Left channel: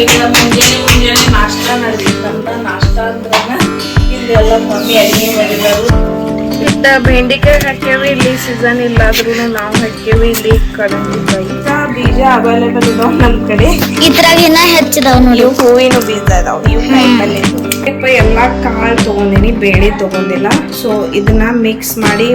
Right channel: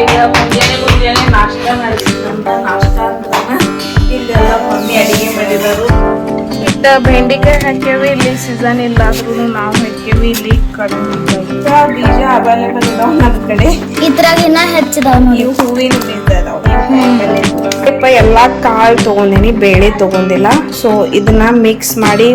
ಈಗ ಮುಂಜಾನೆ ಮುಂಜಾನೆ ನಾಷ್ಟ ಮಾಡ್ಬೇಕಂತ ನಾಷ್ಟ ಅಂದ್ರನ ಇಲ್ಲೆಲ್ಲ ಮಮ್ಮಿ ಅಡಿಗೆ ಮಾಡಿದಾರು ಇತ್ತ ಬೆಂಡೆಕಾಯಿ ಹಾಕ್ಯಾವಿ ಇಲ್ಲಿ ಸೀಸನ್ ಇಲ್ಲಾದ್ರೂ ನಾವು ಹಾಕ್ಯಾವಿ ಇಲ್ಲಿ ಕಡಿಮೆ ಬೀಜ ಅವೈಲೇಬಲ್ ಇದಾವ ನಮ್ ಕಡೆ. ಇದ್ರಾಗ ಇನ್ನ ಹೆಚ್ಚಿದಾವ್ ನೋಡಿ. ಹೂವಿನ ಬೀಜ ಇದಾವ. ಸ್ವಲ್ಪ ಎಲ್ಲಾ ಕಾಳು ತಗೊಂಡಿನಿ ಬೇಳೆ ತಗೊಂಡಿಲ್ಲ. ಸೊ ಇದನ್ನ ಮಿಕ್ಸ್ ಮಾಡಿ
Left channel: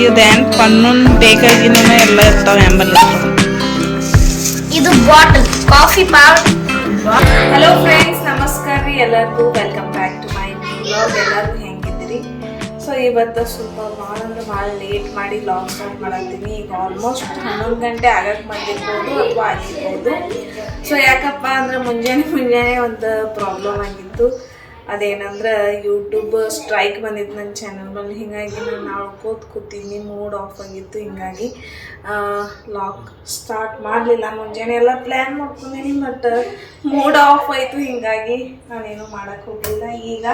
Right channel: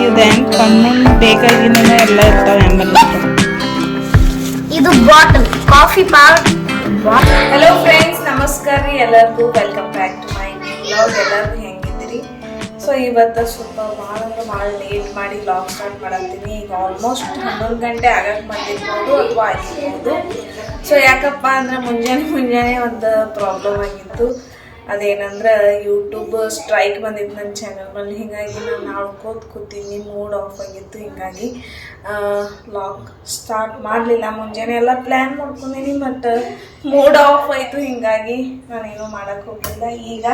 ಇವ್ ಇದೇನ್ ಕಣ್ಣು ಬೇಕಾಗಿನೇ ಎಲ್ಲ ಇರ್ತಾವ ಎಂಬಲ್ಲ ಇದು bottle coffee powder hello friends ನಮಸ್ಕಾರ ರೀ ಎಲ್ಲರಿಗೂ. Welcome back to my blog ಎಲ್ಲರೂ ಹೆಂಗಿದ್ದೀರಿ? ಸೊ ಇವತ್ತು ಸ್ವಲ್ಪ ಭಾಳ ಅಂದ್ರೆ ಭಾಳ ಲೇಟ್ ಮಾಡಿ ಲಾಗ್ ಸ್ಟಾರ್ಟ್ ಮಾಡತ್ತೀನಿ. ಈಗ ಆಲ್ಮೋಸ್ಟ್ ಹನ್ನೊಂದು ಗಂಟೆ ಆಗಕ್ಕೆ ಬಂದಿರ್ಬೋದು ಅಥವಾ ಆಗಿರ್ಬೋದು. ಸೊ ಯಾಕಪ್ಪ ಅಂದ್ರೆ ಮುಂಜಾನೆ ಮುಂಜಾನೆ ಒಂದು ಪ್ರಾಬ್ಲಮ್ ಆಗಿತ್ತು. ಅದೇನಂದ್ರೆ ಯೂಟ್ಯೂಬ್ ಸ್ಟ್ರೈಕ್ ಬಂದಿತ್ತು ನನ್ನ ಚಾನಲ್ ಮೇಲೆ ಹೀಗಾಗಿ ನಾನು ನಾಳ್ಕೋತ ಕೂತೀನಿ ಮೂಡ್ ಆಫ್ ಆಗಿತ್ತು, ಹಿಂಗಾಗಿ ಲಾಕ್ ಸ್ಟಾರ್ಟ್ ಮಾಡಲಿಲ್ಲ. ಮುಂಜಾನೆ ಎಲ್ಲ ಪ್ಲ್ಯಾನ್ ಮಾಡ್ಕೊಂಡಿನಿ ಮತ್ತು ಮೂಡ್ ಆಫ್ ಆಯಿತು, ಹಿಂಗಾಗಿ ನಾನೇನು ಮಾಡೋಕ್ಕೆ ಹೋಗಲಿಲ್ಲ. ಈಗ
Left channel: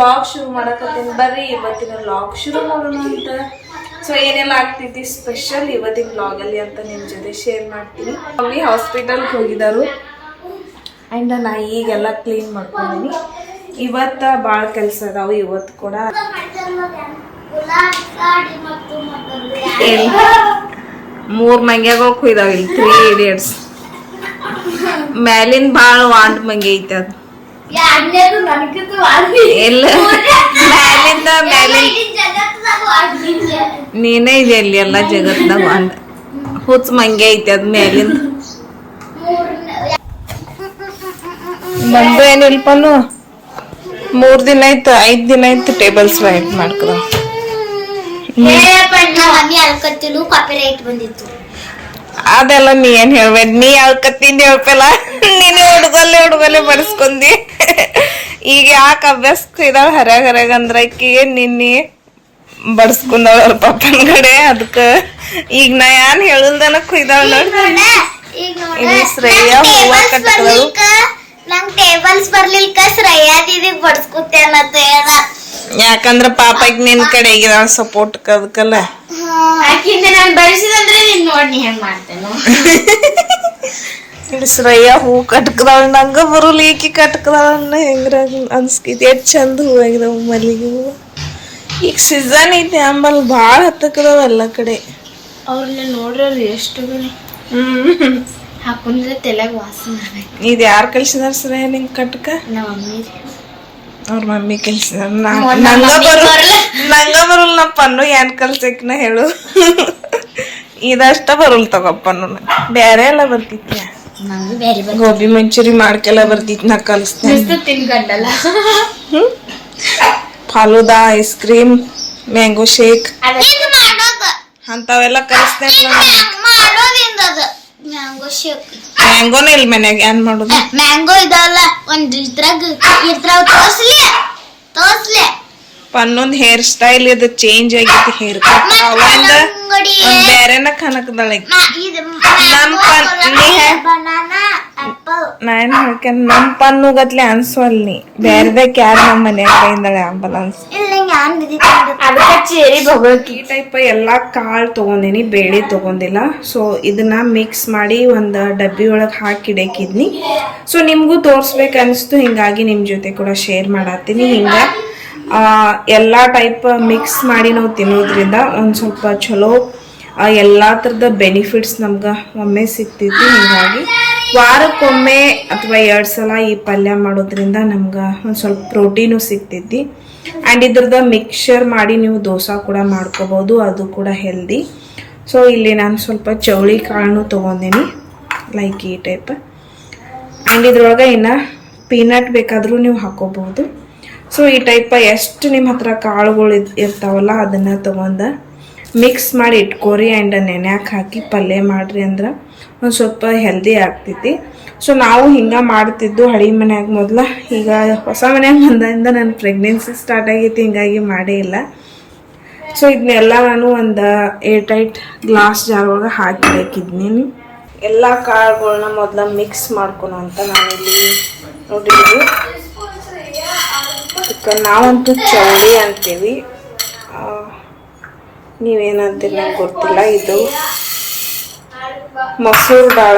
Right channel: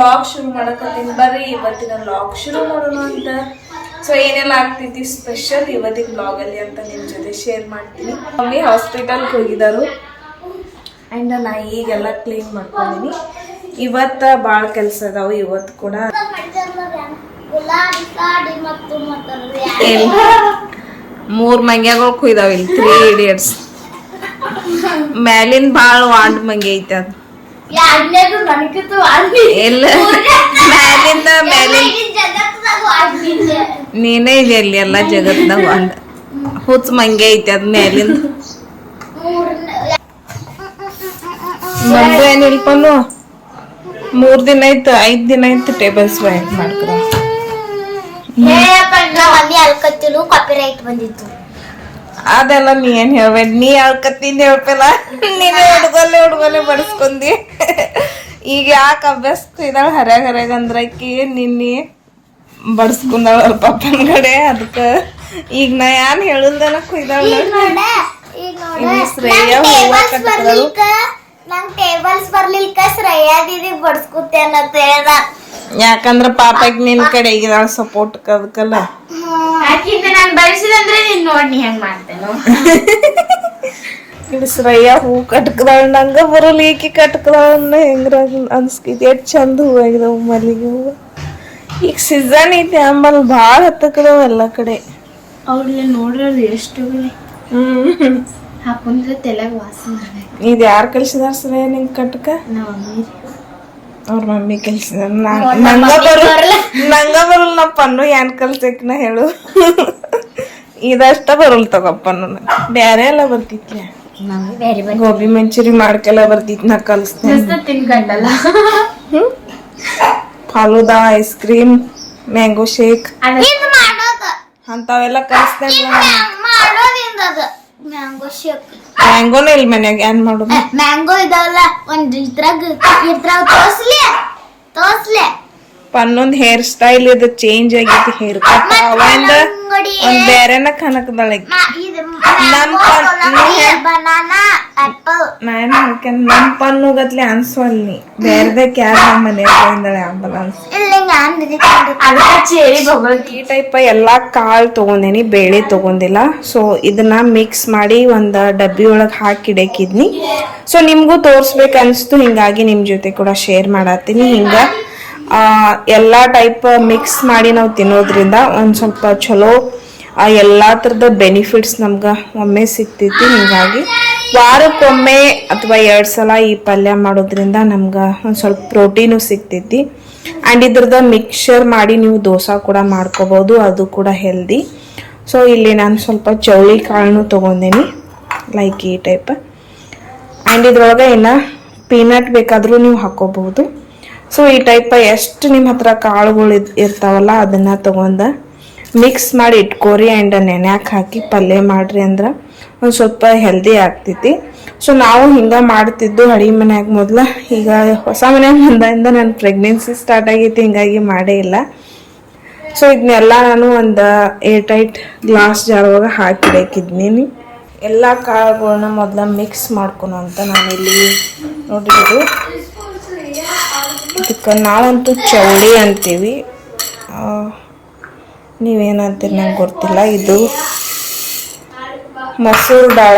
ಲಾಗ್ ಶುರು ಮಾಡಕತ್ತೀನಿ. ಬರ್ರಿ, ಇವತ್ತಿನ ಲಾಗ್ ಶುರು ಮಾಡೋಣ ಅಂತ. ಸೊ ಏನೆಲ್ಲ ಆಗ್ತಿದ್ದಿ ಸ್ಪೆಷಲ್ ಇವತ್ತಿನ ಬ್ಲಾಗಲ್ಲಿ ಅಂತ ನಿಮ್ಮ ಜೊತೆ ಶೇರ್ ಮಾಡ್ತೀನಿ. ಮಮ್ಮಿ ಹಾಸ್ಪಿಟಲ್ಗೆ ಹೋಗಿದ್ದಾರು ಆ್ಯಂಡ್ ನಾ ಈಗೆಲ್ಲ ಕ್ಲೀನ್ ಮಾಡ್ಕೊಂಡಿನಿ. ಇವತ್ತ ಭಾಳ ಕೆಲಸ ಇದಾವೆ ಇವತ್ತು ಕೂಡ. ಮೂರ್ ಮಂಗ್ಯಾಗಳು ಕುಯ್ದಾವ ಇಲ್ಲಿ ತ್ರೀ ಇಡಿಯಟ್ಸ್ ಮ್ಯಾಲಿನ ಭಾಳ ವಾಂಡ್ ಮಂಗಿ ಐತೆ ಅದು. ಎಲ್ಲ ಮ್ಯಾಲಿಂದ ಮ್ಯಾಲಿನ ನೀನೇ ಇದೆ ಅಲ್ಲಿ ಎಲ್ಲ ಜಗತ್ನಾಗ ವಾಂಡ್. ಹುಚ್ಚ ಮಂಗೆ ಐತೆ ಅದ್ ಮ್ಯಾಲಿಂದ. ಬಂದು ಏನಿಲ್ಪನು ಮೂರ್ ದಿನ ಆಯ್ತು ಐದ್ ದಿನ ಆಯ್ತು ಟೇಬಲ್ಸ್ ವೈಟ್ ಮಾಡ್ಕದ ಮಮ್ಮಿ ಅಲ್ಕತ್ತಿಲು ಕಾಪಿ ರೈಟ್ ಬಂದಿತ್ತು. ಅದೆಲ್ಲ ನೀ ಏನ್ ಹೇಳ್ಬೇಡ? ನೀ ಅಳ್ಕತ್ತಿಂದ ಹೇಳ್ಪಲ್ಲ ನೀನು ಹುಡುಗಲ್ಲೇ ಹುಡುಗಲ್ಲೇ ಬಡಿಸ್ಕೊಂಡಿ ಈಗ ಯಾಕೆ ಅಭ್ಯಾಸ ಇದಾವ? ಹರ್ಯಾಗ ಹರ್ಯಾಗ ಅಂದ್ರ ಆಕಿಗೆ ನಿನ್ನೆ ಬಡಿಸ್ಕೊಂಡಾಳ ಅವ್ರ ಪಪ್ಪನ ಕಡೆ? ಅದಕ್ಕ ಈಗ ನಾ ಏನ್ ಹೇಳುಲ್ದನ ಕುಯ್ದಾಳ ನೋಡಿ. ಶ್ರೇಯ ಹೂವ ಕಟ್ಟಕದಳು ನಂಗ್ ಟೇಬಲ್ಸ್ ಬರಲಿಲ್ಲ ಶ್ರೇಯಾ ದೀದಿ ಬಡ್ಸ್ಕೊತೇನ ಅಂತ ಹೇಳ. ಯಾಕಂದ್ರ ಪಾಪ ಈಗ ನಿನ್ ಕಡೆ ಈಗ ಸಪೋರ್ಟ್ ಅದಕ್ಕಲ್ಲ. ಆಕಿಂದ ನಾನು ಬೆಳೆಸಿದಂದ್ರೆ ನೀನ್ ನೋಡ್ ನೀ ಹೆಂಗ್ ಮಾಡ್ತೇನು. ಇಳಿಸ್ರಯ್ಯ ಹೂ ಕಟ್ಕದಾಳ ನಂಗ ಬರಲ್ಲ ಈಕಿ ಕಟ್ಕದಾಳ ಹೆಂಗ್ರ ಅನ್ಸ್ಕೈತಿ. ಎಷ್ಟ್ ಚಂದ ಹೂ ಆಗಿದಾವ ಮಲ್ಲಿಗೆ ಹೂವು. ಈಗ ಸೀಸನ್ ಐತಿ ಅಂಬಲ್ ಭಾಳ ಹತ್ತಕದಾವ ಎಲ್ಲ ಕಡೆ. ಅವ್ರಿಗೆ ನೋಡ್ರಿ ಎಷ್ಟು ಹ್ಮ್. ಹಾಕೊಂಡ್ರೆ ತಲೆಗೆ ವಾಸನೆ ಇದು ಯಾರು ಕಲ್ಸಿದಾರ ಸರ ನಿಂಗೆ ಕಟ್ಕ? ನಮ್ಮ ಮಮ್ಮಿ. ಅವ್ರ ಮಮ್ಮಿ ಕಲ್ಸಿದಾರ. ನಂಗ ಬರು ನಂಗ ಬರಲ್ಲ ನಮ್ಮ ಪನ್ನು ಏನ್ ಕಲ್ಸಕ್ನ ಹೇಳು. ಇದಷ್ಟ ಬರಲ್ ತಗೋಪ್ಪನ್ನು ಬೇರೆ ಎಲ್ಲ ಬರ್ತಿತ್ಯ? ಬೇರೆ ಬೇರೆ ಗೋಬಿ ಮಂಚೂರಿ ಮಾಡ್ಕೆಲ್ಲ ಬರ್ತಿತ್ತು ನಾ ಕಲಿಸ್ತೇನೆ. ತಿನ್ಕಂಡಲ್ಲ. ಹ್ಮ್? Falooda ice cream mango shake. ಅಂಥವೆಲ್ಲ ಕಲಿಸ್ತೇನೆ ಮಾಡೋದಿಂದ ಅದು. ಮ್ಯಾಂಗೋ ಶೇಕ್ ಮ್ಯಾಂಗೋನೇ ಇಲ್ಲ ಮನ್ಯಾಗ ಏನ್ ಮಾಡೋದು? ಮ್ಯಾಂಗೋ ಇದಾವಲ್ಲ ಒಂದ್ ಇದ್ರಾಗ ಇದ್ರಾಗ ತೋರ್ಸ್ಲಿ ತೋರ್ಸ್ಲಿ ಪನ್ನೊಂದ್ ಹೇರ್ ಸ್ಟೈಲ್ ಇದು ಚೇಂಜ್ ಆಗೈತಿ ಹೇರ್ ಕಟ್ ಅವಂದ ಒಂದ್ ಬೇರೆನ ಕನಕದಳ. ನಮ್ ಪನ್ ನೀ ಬನಾನಾ ಆಪಲ್ ನಾನ್ ಹೇಳ್ಕೇನ್ ನಮ್ ಪನ್ನು ಗತ್ಲೆ ಅನ್ಸವಲ್ ನೀ ಬೇರೆದಕ್ ಯಾರು ನಮ್ಮ ಮನ್ಯಾಗ ಬೈಂದಳೆ ಆಂಬುಲೆನ್ಸ್ ಇಲ್ಲ ಟೈಪ್ ಎಲ್ಲಾ ಕಾಳು ತಗೊಂಡಿನಿ, ಬೇಳೆ ತಗೊಂಡಿಲ್ಲ. ಸೊ ಇದನ್ನ ಮಿಕ್ಸ್ ಮಾಡಿ ಒಂದ್ ಡಬ್ಬಿ ಒಳಗ್ ಹಾಕಿ ಇಡಕಿದ್ನಿ. ಸೊ ನಿಮ್ಗೂ ತೋರ್ಸ್ಬೇಕು ಅನ್ಸ್ತು, ಹಿಂಗಾಗಿ ನಿಮ್ ಜೊತೆ ಕೂಡ ಶೇರ್ ಮಾಡತ್ತೀನಿ. ಹಿಂಗ ಎಲ್ಲಾ ಟೈಪ್ ಮಿಕ್ಸ್ ಮಾಡಿ ನಾವು ತಿನ್ನೋದ್ರಿಂದ ಒಂದ್ ಸ್ವಲ್ಪ ಚಲೋ ಎಲ್ಲಾ ತರದ ಬೆನಿಫಿಟ್ಸ್ ನಮ್ಗ ಒಮ್ಮೆ ಸಿಗ್ತೈತಿ. ಹಿಂಗಾಗಿ ವಾರಕ್ಕೊಮ್ಮೆ ಅಥವಾ ಎರಡ್ ಸಲ ಈ ಪಲ್ಯ ಮಾಡೋದ್ರಿಂದ ನಮ್ಗ ಒಂದ್ ಸ್ವಲ್ಪ ಪ್ರೋಟೀನು ಸಿಗ್ತೈತಿ. ಆ್ಯಂಡ್ ಇದ್ರದ ಮಿಕ್ಸರ್ ಮಾಡಿ ನೀವು ದೋಸೆ ಕೂಡ ಮಾಡ್ಕೋಬೋದು, ಅದು ಕೂಡ ಹೆಲ್ದಿ ಸೊ ಇಲ್ಲಿ ನಾನು ಸ್ವಲ್ಪ ಚೌಳಿ ಕಾಳನ್ನು ತೊಗೊಂಡೇನಿ ಲೈಕ್ ಈ ಟೈಪ್ ಆ್ಯಂಡ್ ಇದ್ರೊಳಗೆ ಇನ್ನು ಪೀನಟ್ ಬೇಕಾದರೂ ನೀವು ಹಾಕೋಬಹುದು ಸೊ ಈ ಟೈಪ್ ಎಷ್ಟು ನಿಮ್ಮ ಹತ್ರ ಕಾಳುಗಳು ಇರ್ತಾವಲ್ಲ, ಅದನ್ನು ತೊಗೊಂಡ ಮಿಕ್ಸ್ ಮಾಡಿ ಇಟ್ಕೋರಿ ಆ್ಯಂಡ್ ನೆನೆ ಹಾಕಿ ಪಲ್ಯ ಮಾಡಿರಿ ಅಂದ್ರೆ ಒಂದು ಸ್ವಲ್ಪ ಹೆಲ್ದಿ ಆಗ್ತೈತಿ. ಸೊ ನಾವು ಹಿಂಗ ಮಾಡ್ತಿದ್ದು ಹಳಿ ಮನ್ಯಾಗ ಮೊದ್ಲ. ಈಗ ಹೊಸ ಮನ್ಯಾಗ ಬಂದಿಂದ ನನ್ನ ಪ್ರೆಗ್ನೆನ್ಸಿ ಸ್ಟಾರ್ಟ್ ಆಗೈತಿ, ಹಿಂಗಾಗಿ ಮಾಡೇ ಇಲ್ಲ. ಸೊ ಇದನ್ನೆಲ್ಲ ನಾನು ಒಂದು ಏರ್ ಟೈಟ್ ಗ್ಲಾಸ್ ಜಾರ್ ಒಳಗೆ ಹಾಕಿ ಇಡಕಿದ್ನಿ ಎಲ್ಲ ಕಾಳುಗಳನ್ನ ಮೊದಲ ಮಿಕ್ಸ್ ಮಾಡ್ಕೊಳೋ ಅಂತ ನಾನಿಲ್ಲಿ ನೋಡಿದ್ದು ಅದಕ್ಕೆ ನಾವಂತೂ ಚೌಳಿ ಅಂತೀವಿ. ನೀವೇನಂತೀರಿ ನಂಗೆ ಗೊತ್ತಿಲ್ಲ. ಇದು ಮಸೂರ್ ದಾಳ.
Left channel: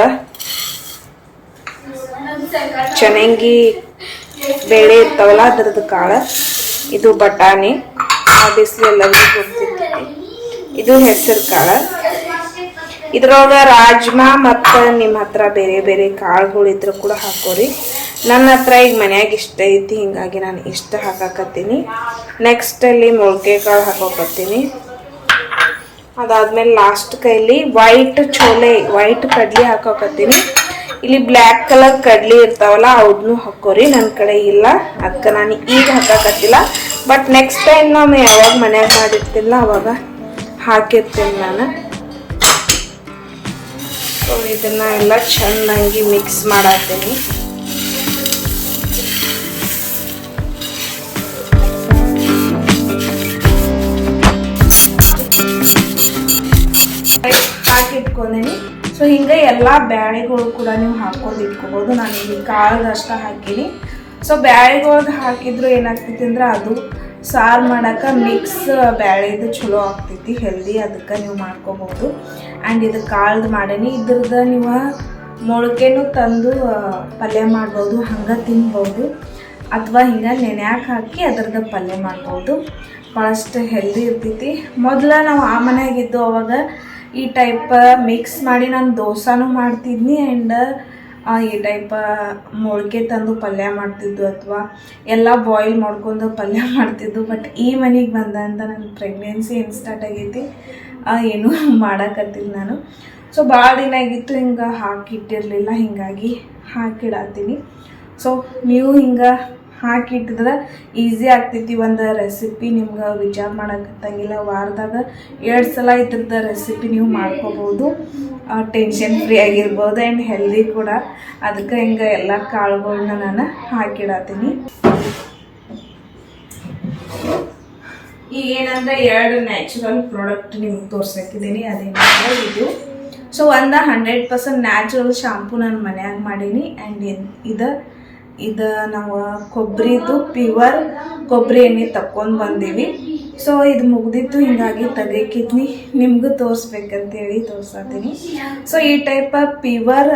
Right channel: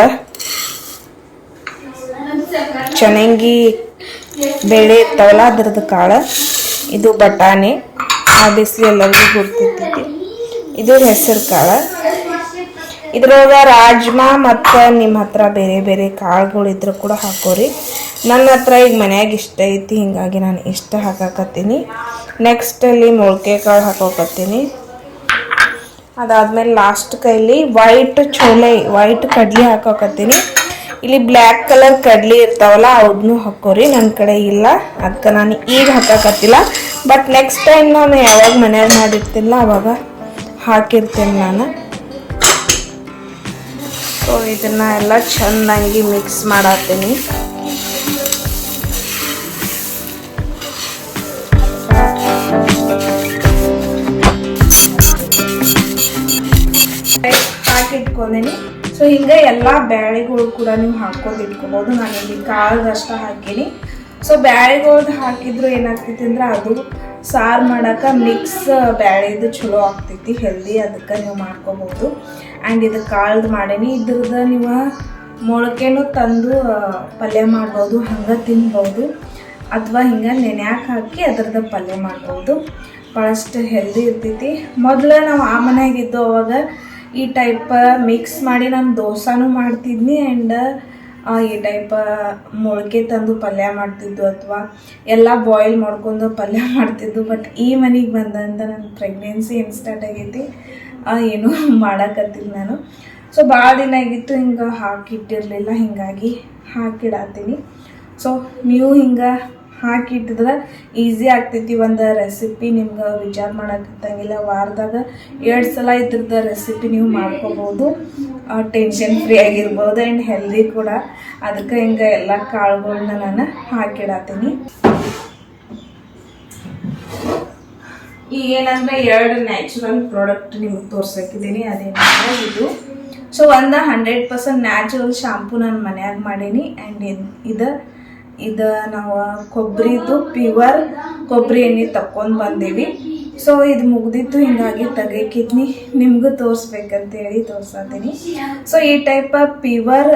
ಚನಂಗಿ ಬೇಳೆ ಇರ್ತಾವಲ್ಲ ಅದ್ರದ್ದು ಕಾಳ, ಇದು ಬಟಾಣಿ, ಆ ಎಲ್ಲರಿಗೂ ಗೊತ್ತಿರ್ತೈತಿ ಇದು ಹೆಸರು ಕಾಳು. ಇದ್ರೊಳಗ ರಾಜ್ಮಾ ಮತ್ತು ನಿಮ್ಮ ಹತ್ರ ಬೇರೆ ಬೇರೆ ಕಾಳುಗಳು ಇದ್ರೆ ಕೂಡ ಹಾಕೋರಿ. ನನ್ನ ಹತ್ರ ಈಗ ಮನ್ಯಾಗ ಇಷ್ಟ ಐತಿ, ಹಿಂಗಾಗಿ ನಾನು ಇಷ್ಟ ಹಾಕಾಕತ್ತೀನಿ. ನೆಕ್ಸ್ಟ್ ಅಲ್ಲಿ ಮೊಳಕೆ ಕಾಳು ಹಾಕೋಕತ್ತೀನಿ. ಅದಾದ್ಮೇಲೆ ಲಾಸ್ಟ್ ಕೈಲಿ ವೈಟ್ ಚೋಲೆ ವೈಟ್ ಕಡ್ಲಿ ಹಾಕೋಕತ್ತೀನಿ. ಇಲ್ಲಿ ಬ್ಲ್ಯಾಕ್ ಕಲರ್ ಕಡ್ಲಿ ಇರ್ತಾವಲ್ಲ ಅವನ್ನೂ ಹಾಕೋರಿ. ನನ್ನ ಕಡೆ ಇಲ್ಲ. ಅದಕ್ಕೆ ನಾನು ಈಗ ಹಾಕಕತ್ತಿಲ್ಲ. ಬಟ್ ನೆಕ್ಸ್ಟ್ ಟೈಮ್ ನಾನು ಯಾವಾಗ ಮನ್ಯಾಗ ಮಾಡಿರ್ತಿಲ್ಲ, ಅವಾಗ ಹಾಕಿರ್ತೇನೆ ನಾನು. ಸೊ ಇದನ್ನ ಎಲ್ಲ ಚೆನ್ನಾಗಿ ಮಿಕ್ಸ್ ಮಾಡತ್ತೀನಿ ಹಾಕಿಟ್ಕೊಂಡೇನಿ ಸೊ ಹಿಂಗೆ ಎಲ್ಲ ಬ್ಯಾಳಿಗಳು ಕೂಡ ನೀವು ಹಾಕೊಂಡು ಇಟ್ಕೋಬೋದು. ನಾನು ಇಲ್ಲಿ ಕಾಳದಷ್ಟು ಹಾಕೀನಿ. ಸೊ ಬ್ಯಾಳಿಗಳ್ದು ಹಾಕಿದ್ರು ಏನಾಗ್ತೈತಿ ಅಂದ್ರೆ ಅದು ಸಾರು ಮಾಡಕ್ಕೆ ಮಿಕ್ಸ್ ಬ್ಯಾಳಿದು ಚಲೋ ಆಗ್ತೈತಿ ಹೆಲ್ದಿ ಅದಕ್ಕೆ ನೀವು ಮಾಡ್ಕೋಬೋದು. ಆ್ಯಂಡ್ ಇದು ಕಾಳ್ದು ಮಾಡೀನಿ. ಇದ್ರದ್ದು ನೀವು ಮೊಳಕೆನೂ ತಂದು ಪಲ್ಯ ಮಾಡ್ಬೋದು, ಹಂಗೆ ತಿನ್ಬೋದು. ಅಥವಾ ಹಿಂಗೆ ನೆನೆಯಾಕೆ ಹಾಕಿ ಅದ್ರದ್ದು ಪಲ್ಯ ಮಾಡ್ಬೋದು. ಭಾಳಷ್ಟು ಹೆಲ್ದಿ ಇರ್ತೈತಿ. ಮೊದಲು ನಾವು ಆ ಮನೆಯಾಗಿದ್ದು ಅವಾಗ ಈ ಟೈಪ್ ಮಿಕ್ಸ್ ಮಾಡಿ ನಾನು ದೋಸಾನು ಮಾಡ್ತಿದ್ನಿ ಆ್ಯಂಡ್ ಈ ಟೈಪ್ ಮೊಳಕೆ ತಂದು ಪಲ್ಯ ಮಾಡ್ತಿದ್ದು ಅಥವಾ ಎಲ್ಲ ಬಾಯ್ಲ್ ಮಾಡ್ಕೊಂಡು ಪಲ್ಯ ಮಾಡ್ತಿದ್ದು. ಬಟ್ ಈ ಮನೆಗೆ ಬಂದಂತ ನನ್ನ ಪ್ರೆಗ್ನೆನ್ಸಿ ಏನು ಸ್ಟಾರ್ಟ್ ಆಗೈತಿ ಏನು ಮಾಡಕತ್ತಿದ್ದು ನಾನು. ಸೊ ಭಾಳ ದಿನ ಆಗಿತ್ತು ಹಿಂಗೆ ಹಾಕಿಟ್ಟಿರಲಿಲ್ಲ ಹಿಂಗಾಗಿ ಹಾಕಿಡತ್ತೀನಿ ಸೊ ನೀವು ಹಿಂಗೆ ಹಾಕಿಟ್ಟಿದ್ರೆ ಈಸಿ ಆಗ್ತೈತಿ. ಒಂದು ರೆಸಿಪಿ ನಿಮ್ಗೆ ವಿಚಾರ ಮಾಡಕತ್ತಂಗಿಲ್ಲ ವಾರದಾಗ ಎರಡು ಸಲ ಇದ್ರದ್ದು ರೆಸಿಪಿ ನೀವು ಮಾಡ್ಕೋಬೋದು. ಟೆನ್ಷನ್ ಫ್ರೀ ಆಗಿರ್ಬೋದು ಆ್ಯಂಡ್ ಹೆಲ್ದಿ ಕೂಡ. ಅದಕ್ಕೆ ಹಿಂಗೆ ಎಲ್ಲ ಕಾಳುಗಳನ್ನ ನಾನು ಹಾಕಿಡತ್ತೀನಿ ಈಗೇನಂದ್ರೆ ಎರಡು ನ್ಯಾಚುರಲ್ ಪ್ರಾಡಕ್ಟ್ ನಿಮ್ಗೆ ತೋರ್ಸಕ್ಕಿದ್ದೀನಿ. ಅದೇನಂದ್ರೆ ಇದು. ಸೊ ಒಂದು ಹಂಡ್ರೆಡ್ ಪರ್ಸೆಂಟ್ ನ್ಯಾಚುರಲ್ ಶಾಂಪು ನಾನು ಮನ್ಯಾಗ ಮಾಡೀನಿ. ಆ್ಯಂಡ್ ಇದು ಇದು ನಾವು ಕೊಬ್ಬರಿದು ಪ್ಯೂವರ್ ಕೊಬ್ಬರಿ ಎಣ್ಣೆ ತಕ್ಕೊಂಡು ಬಂದೀವಿ. ಸೊ ಇದು ಮುಗ್ದಿತ್ತು ಹಿಂಗಾಗಿ ತೆಗಿಕಿದ್ನಿ ನಿಮಗೂ ತೋರಿಸ್ಬೇಕಂತೇಳಿ ತೋರ್ಸತ್ತೀನಿ ಸೊ ಈ ಟೈಪ್ ಪ್ಯೂವರ್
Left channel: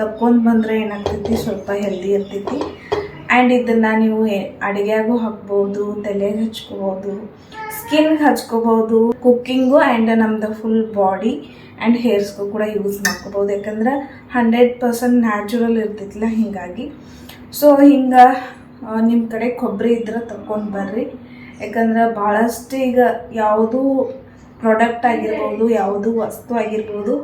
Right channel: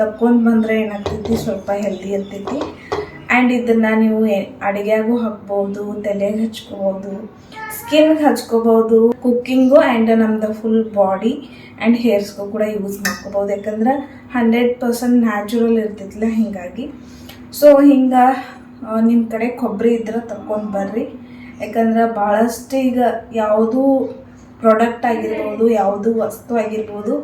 ತಕ್ಕೊಂಡು ಬಂದರೆ ಏನಾಗ್ತೈತಿ? ಸ್ವಲ್ಪ ಹೆಲ್ದಿ ಇರ್ತೈತಿ. ಆ್ಯಂಡ್ ಇದನ್ನು ನೀವು ಅಡುಗೆಗೂ ಹಾಕ್ಬೋದು ತಲೆಗೆ ಹಚ್ಕೋಬೋದು ಸ್ಕಿನ್ಗೆ ಹಚ್ಕೋಬೋದು ಕುಕ್ಕಿಂಗು ಆ್ಯಂಡ್ ನಮ್ದು ಫುಲ್ ಬಾಡಿ ಆ್ಯಂಡ್ ಹೇರ್ಸ್ಗೂ ಕೂಡ ಯೂಸ್ ಮಾಡ್ಕೋಬೋದು. ಯಾಕಂದ್ರೆ ಹಂಡ್ರೆಡ್ ಪರ್ಸೆಂಟ್ ನ್ಯಾಚುರಲ್ ಇರ್ತೈತಿಲ್ಲ ಹೀಗಾಗಿ. ಸೊ ಹಿಂಗೆ ನಿಮ್ಮ ಕಡೆ ಕೊಬ್ಬರಿ ಇದ್ರೆ ತಗೊಂಡು ಬರ್ರಿ. ಯಾಕಂದ್ರೆ ಭಾಳಷ್ಟು ಈಗ ಯಾವುದೂ ಪ್ರಾಡಕ್ಟ್ ಆಗಿರ್ಬೋದು, ಯಾವುದು ವಸ್ತು ಆಗಿರ್ಬೋದು,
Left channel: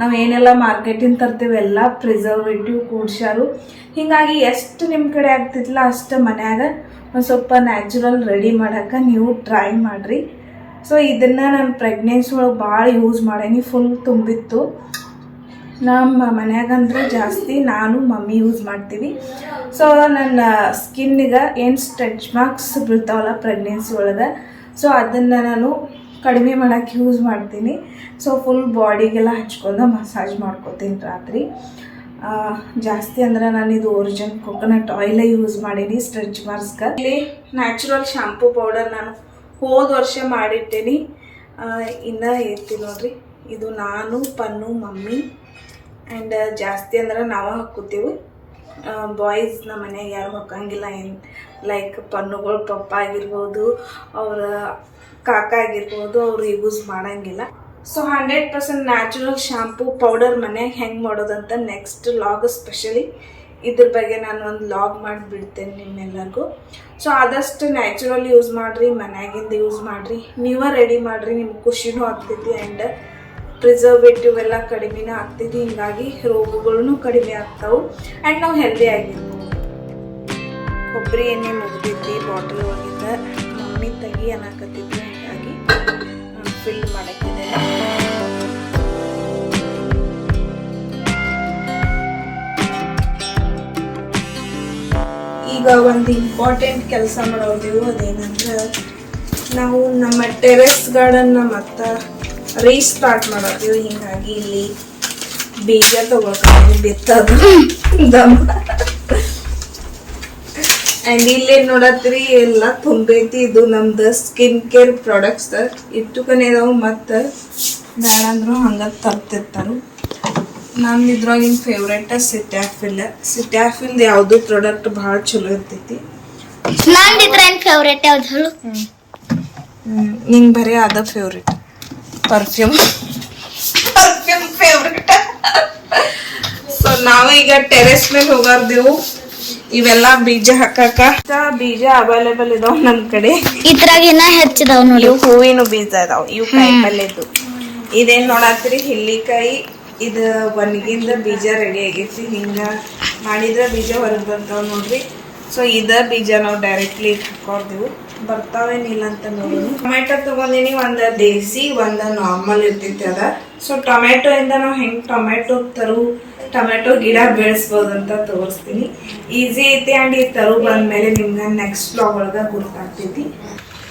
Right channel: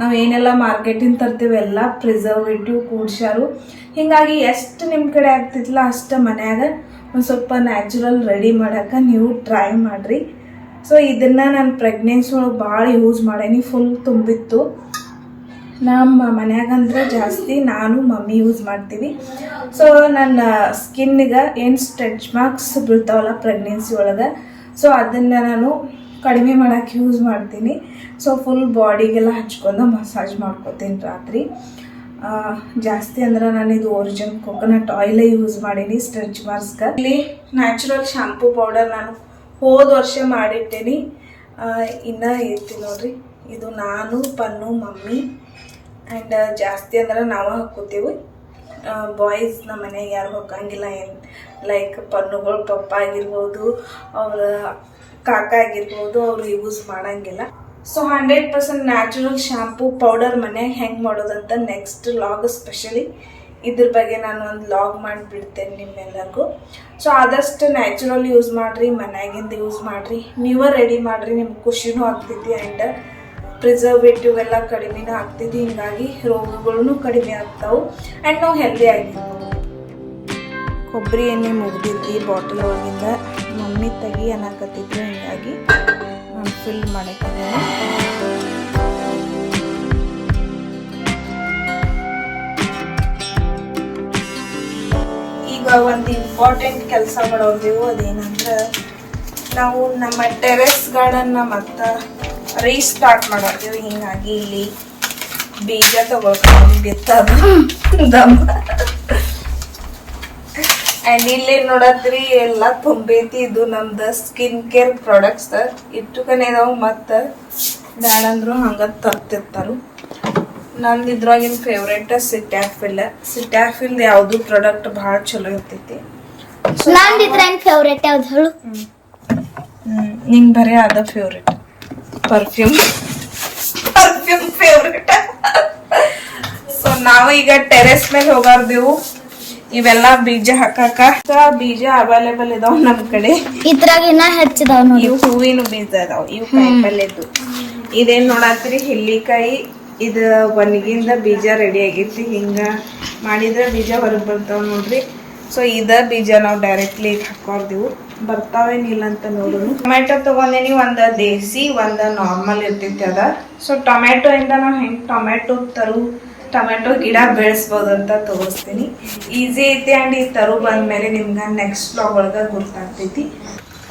ನಾವು ಏನೆಲ್ಲ ಮಾರ್ಕೆಟಿಂದ ತರ್ತೀವಿ, ಎಲ್ಲ ಪ್ರಿಸರ್ವೇಟಿವ್ ಕೂಡ್ಸ್ಯಾರು ಹೀಗಾಗಿ ಎಷ್ಟು ನಿಮ್ಮ ಕಡೆ ಆಗ್ತಿತ್ತಲ್ಲ ಅಷ್ಟು ಮನ್ಯಾಗ ಒಂದು ಸ್ವಲ್ಪ ನ್ಯಾಚುರಲ್ ರೆಡಿ ಮಾಡೋಕೆ ನೀವು ಟ್ರೈ ಮಾಡಿರಿ. ಸೊ ಇದನ್ನು ನಾನು ಪ್ರೆಗ್ನೆನ್ಸಿ ಒಳಗೆ ಭಾಳ ಯೂಸ್ ಮಾಡೇನಿ ಫುಲ್ ತುಂಬಿತ್ತು. ನಮ್ಮ ಮನ್ಯಾಗಂದ್ರೆ ಜಾಸ್ತಿ ನಾನು, ಮಮ್ಮಿ ಯೂಸ್ ಮಾಡ್ತೀವಿ. ಸೊ ನನ್ನ ಸ್ಕಿನ್ನಿಗೆ ಏನು ಸ್ಟ್ರೆಚ್ ಮಾರ್ಕ್ಸ್ ಬೀಳ್ತಾವಲ್ಲ ಪ್ರೆಗ್ನೆನ್ಸಿ ಒಳಗೆ ಸೊ ಅದನ್ನು ನಾನು ಕಡಿಮೆ ಮಾಡೋಕ್ಕೆ ಯೂಸ್ ಮಾಡ್ತೀನಿ. ಸೊ ಫುಲ್ ಬಾಡಿಗೆಲ್ಲ ಹಚ್ಕೊಂಡು ಮಸಾಜ್ ಮಾಡ್ಕೊತೀನಿ ರಾತ್ರಿ. ಜಾಸ್ತಿ ಅಂದ್ರೆ ನಾನು ಇದು ಒರಿಜಿನ್ ಕೊಕೊನಟ್ ಆಯಿಲೇ ಯೂಸ್ ಮಾಡೀನಿ ಸ್ಟ್ರೆಚ್ ಮಾರ್ಕ್ಸ್ಗೆ ಇಲ್ಲಿ ನ್ಯಾಚುರಲ್ ಶಾಂಪೂ ಪೌಡರ್ ನಾನು ಹೋದ ವರ್ಷ ಮಾಡಿಟ್ಟೇನಿ. ಇನ್ನೂ ಇರ್ತೀನಿ ನೋಡ್ರಿ. ಇದು ನಾನು, ಪನ್ನು, ಮಮ್ಮಿ ಆ್ಯಂಡ್ ಜಾಸ್ತಿ ಅಂದ್ರೆ ನಾವು ಹಾಕೋತೀವಿ ಬಾಯ್ಸ್ ನಮ್ಮ ಮನೆಗೆ ಯಾರು ಹಾಕಂಗಿಲ್ಲ ಏನು ಲೈಕ್ ಪನ್ನುಗಳು ಪಪ್ಪ ಆಗಿರ್ಬೋದು, ಅವರ ಕಾಕ ಆಗಿರ್ಬೋದು, ಅವರು ಯೂಸ್ ಮಾಡಂಗಿಲ್ಲ. So hundred percent natural shampoo powder ಮನೆಯಾಗ ಹೆಂಗೆ ಮಾಡೋದಂತ ನೆಕ್ಸ್ಟ್ ಲಾಗ್ ಸ್ಪೆಷಲಿ ಇದ್ರ ಬಗ್ಗೆ ನಾನು ಒಂದು ಲಾಗ್ ಮಾಡಿಬಿಡ್ತೇನೆ ನಿಮ್ಮೆಲ್ಲರಿಗೂ. ಸೊ ಆದಷ್ಟು ನ್ಯಾಚುರಲ್ ಯೂಸ್ ಮಾಡಿರಿ, ಮನ್ಯಾಗಿಂದ ಯೂಸ್ ಮಾಡಿರಿ, ನೀವೇ ರೆಡಿ ಮಾಡಿರಿ, ನಿಮ್ಗೆ ಖುಷಿನೂ ಆಗ್ತೈತಿ. ಆ್ಯಂಡ್ ಪ್ರಿಸರ್ವೇಟಿವ್ ಎಲ್ಲ ಕಡಿಮೆನೂ ಆಗ್ತೈತಿ ಹಿಂಗಾಗಿ ರೋಗಗಳೂ ಕಡಿಮೆ ಆಗ್ತಾವೆ. ಆ್ಯಂಡ್ ನಾವು ಹೆಲ್ದಿ ಆಗಿರ್ತೀವಿ ಕೊಬ್ಬರಿ ಎಣ್ಣೆ ಮುಗ್ದೈತಿ ಬಾಟಲ್ ಒಳಗಿಂದ. ಮಮ್ಮಿ ತೆಗಿ ಅನ್ನಕತ್ತಿದ್ವಿ ಹಿಂಗಾಗಿ ಫಿಲ್ ಮಾಡಿದ್ದೀನಿ ಈಗ ಒಂದು ಇಂಪಾರ್ಟೆಂಟ್ ಕೆಲಸ ಮಾಡೋದಿವು ಅದೇನಂದ್ರೆ ನಾವು ನಮ್ಮ ಟೆರೆಸ್ ಗಾರ್ಡನ್ನ ಮತ್ತೆ ರೀಸ್ಟಾರ್ಟ್ ಮಾಡತ್ತೀವಿ ಹಿಂಗಾಗಿ ಇಲ್ಲಿ ಬೀಜ ತಗೊಳ್ಕೊಂಡು ಬಿತ್ತದ ದಮ್ಮ ಅಂಡ್ ಇಲ್ಲೇ ನೋಡತ್ರಿ ಎಲ್ಲ ತುಂಬೈತಿ ಇದು ನಮ್ದು ಸ್ಕಿನ್ ಕೇರ್ ಪ್ರಾಡಕ್ಟ್ಸ್ ಇಟ್ಟುಕನೆ ಇದಾವೆ ಮತ್ತು ಬೇಡಂದ್ರು ಅಂದ್ರು ಹಂಗ ತರ್ತಿರ್ತಾರು ನಮ್ದು ಇದ್ರಾಗಿನ ಫೇವ್ರೇಟ್ ಸಿಟ್ಯಾಫಿಲ್ ಸಿಟ್ಯಾಫಿಲ್ದು ಯಾವ್ದು ಪ್ರಾಡಕ್ಟ್ ಭಾಳ ಚಲೋ ಇರ್ತೈತಿ ನಂದು ಏನ್ ಫೇವ್ರೇಟ್ ಯಾವ್ದು ಹೇಳು ನಿಂಗ್ ಬರೀ ಅದ favourite perfume perfume favourite so ನಾವು ಈಗ ಟೆರೆಸ್ ಮೇಲೆ ಹೋಗಾರ್ದೆವು. ಇವೆಲ್ಲ ಬೀಜ ಹಾಕಕ ಬೀಜ ಅವೈಲೇಬಲ್ ಇದಾವ ನಮ್ ಕಡೆ. ಇದ್ರಾಗ ಇನ್ನ ಹೆಚ್ಚಿದಾವ್ ನೋಡಿ. ಇವು ಹೂವಿನ ಬೀಜ ಇದಾವ. ಇವು ಕಾಯಿ ಪಲ್ಯದ್ದು ಇದೇನ್ ನೋಡತ್ರಿ ಹಿಲ್ಲಿಕಾಯಿ. ಇದು ಒಣಗಿಂದ ಬೀಜ ರೆಡಿ ಆಗೈತಿ. ಹಿಂಗ ಮಾಡಿದ್ರೆ ಬೀಜ ಹೊರಗೆ ಬರ್ತಾವ ನೋಡ್ರಿ. ಸೊ ಇದ ಬೀಜ ನಾವು ಡೈರೆಕ್ಟ್ಲಿ ಹಾಕೋರ್ದೆವು. ಬರ್ತಾವೇನಿಲ್ಲ ಅಂತ ನೋಡೋಣ ಟೊಮೆಟೊ ತಗೊಂಡಿನಿ ಒಂದ ದೇಸಿ, ಒಂದ ನಾರ್ಮಲ್ ಇರ್ತೈತಿ ಅದ. ಸೊ ಟೊಮೆಟೊ ಇಂದ ನಾವು ಹೆಂಗ್ ಟೊಮೆಟೊ ತರು ಟೊಮೆಟೊ ಗಿಡ ಬೆಳೆಸ್ಬೋದು ಅಂತ ತೋರಿಸ್ತೀನಿ. ಈಸಿ ಐತಿ ಅಂಡ್ ಈ ತರು ಬಂದ್ಮೇಲೆ ನಿಮ್ಗೆ ನೆಕ್ಸ್ಟ್ ಬ್ಲಾಗ್ ಒಳಗ ಗುರ್ತಾಗ್ತೈತಿ.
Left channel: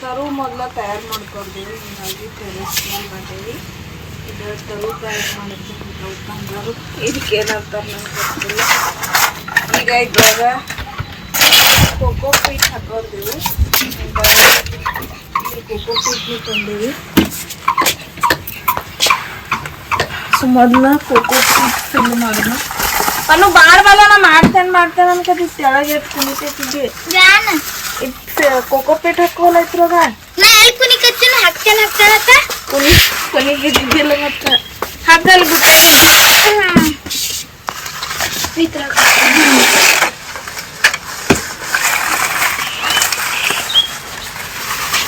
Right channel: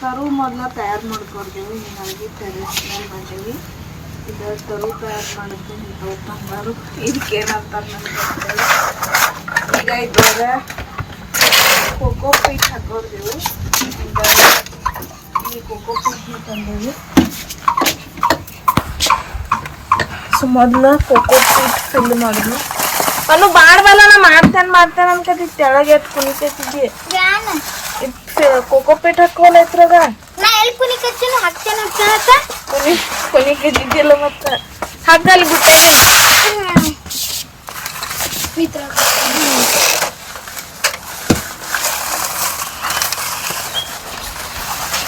ತರು ಮೊದಲು ತಯಾರು ಮಾಡ್ಕೊಡ್ತೀವಿ ಹೀಗಾಗಿ ಟೆರೆಸ್ ಮೇಲೆ ತರು ತಯಾರು ಇಂಥವು ಬಂಗಾರು ಇದಕ್ಕೆ ಈಗ ಇದ್ರಾಗ ಕೋಕೋ ಪೀಟ್ ಹಾಕೋರ್ದೆವು ಇಲ್ಲಿ ಕೋಕೋ ಪೀಟ್ನ ತಂದೇವಿ ಸೊ ಮೊದಲು ಕೋಕೋ ಪೀಟ್ ಫಿಲ್ ಮಾಡೋಣ. ಅಲ್ಲೂ ಬಾರ್ ಬಲ್ಲ ನಾ ಮಾಡ್ತಾನೆ ಮಾಡ್ತೇನೆ ಅನ್ಕತಿ ತೆಳಗೆ ಎತ್ ಕುಣಿತೈತಿದ್ದಿ ಕೋಕೋ ಪೀಟ್ ಹಾಕೋಲ್ಲ ಇದ್ರಾಗ. ನಾ ಎಲ್ ಕುನಿಕತ್ತಿನ ಹಾಕ್ತೇನೆ ಹಾಕ್ತೇನಕ್ಕ ಕುನಿ ಕೊನಿಗಿದ್ದಿದ್ದಿಲ್ಲ ಮತ್ತ. ಹಗ್ಗಲ್ಲಿ ಬಿಟ್ಟೆ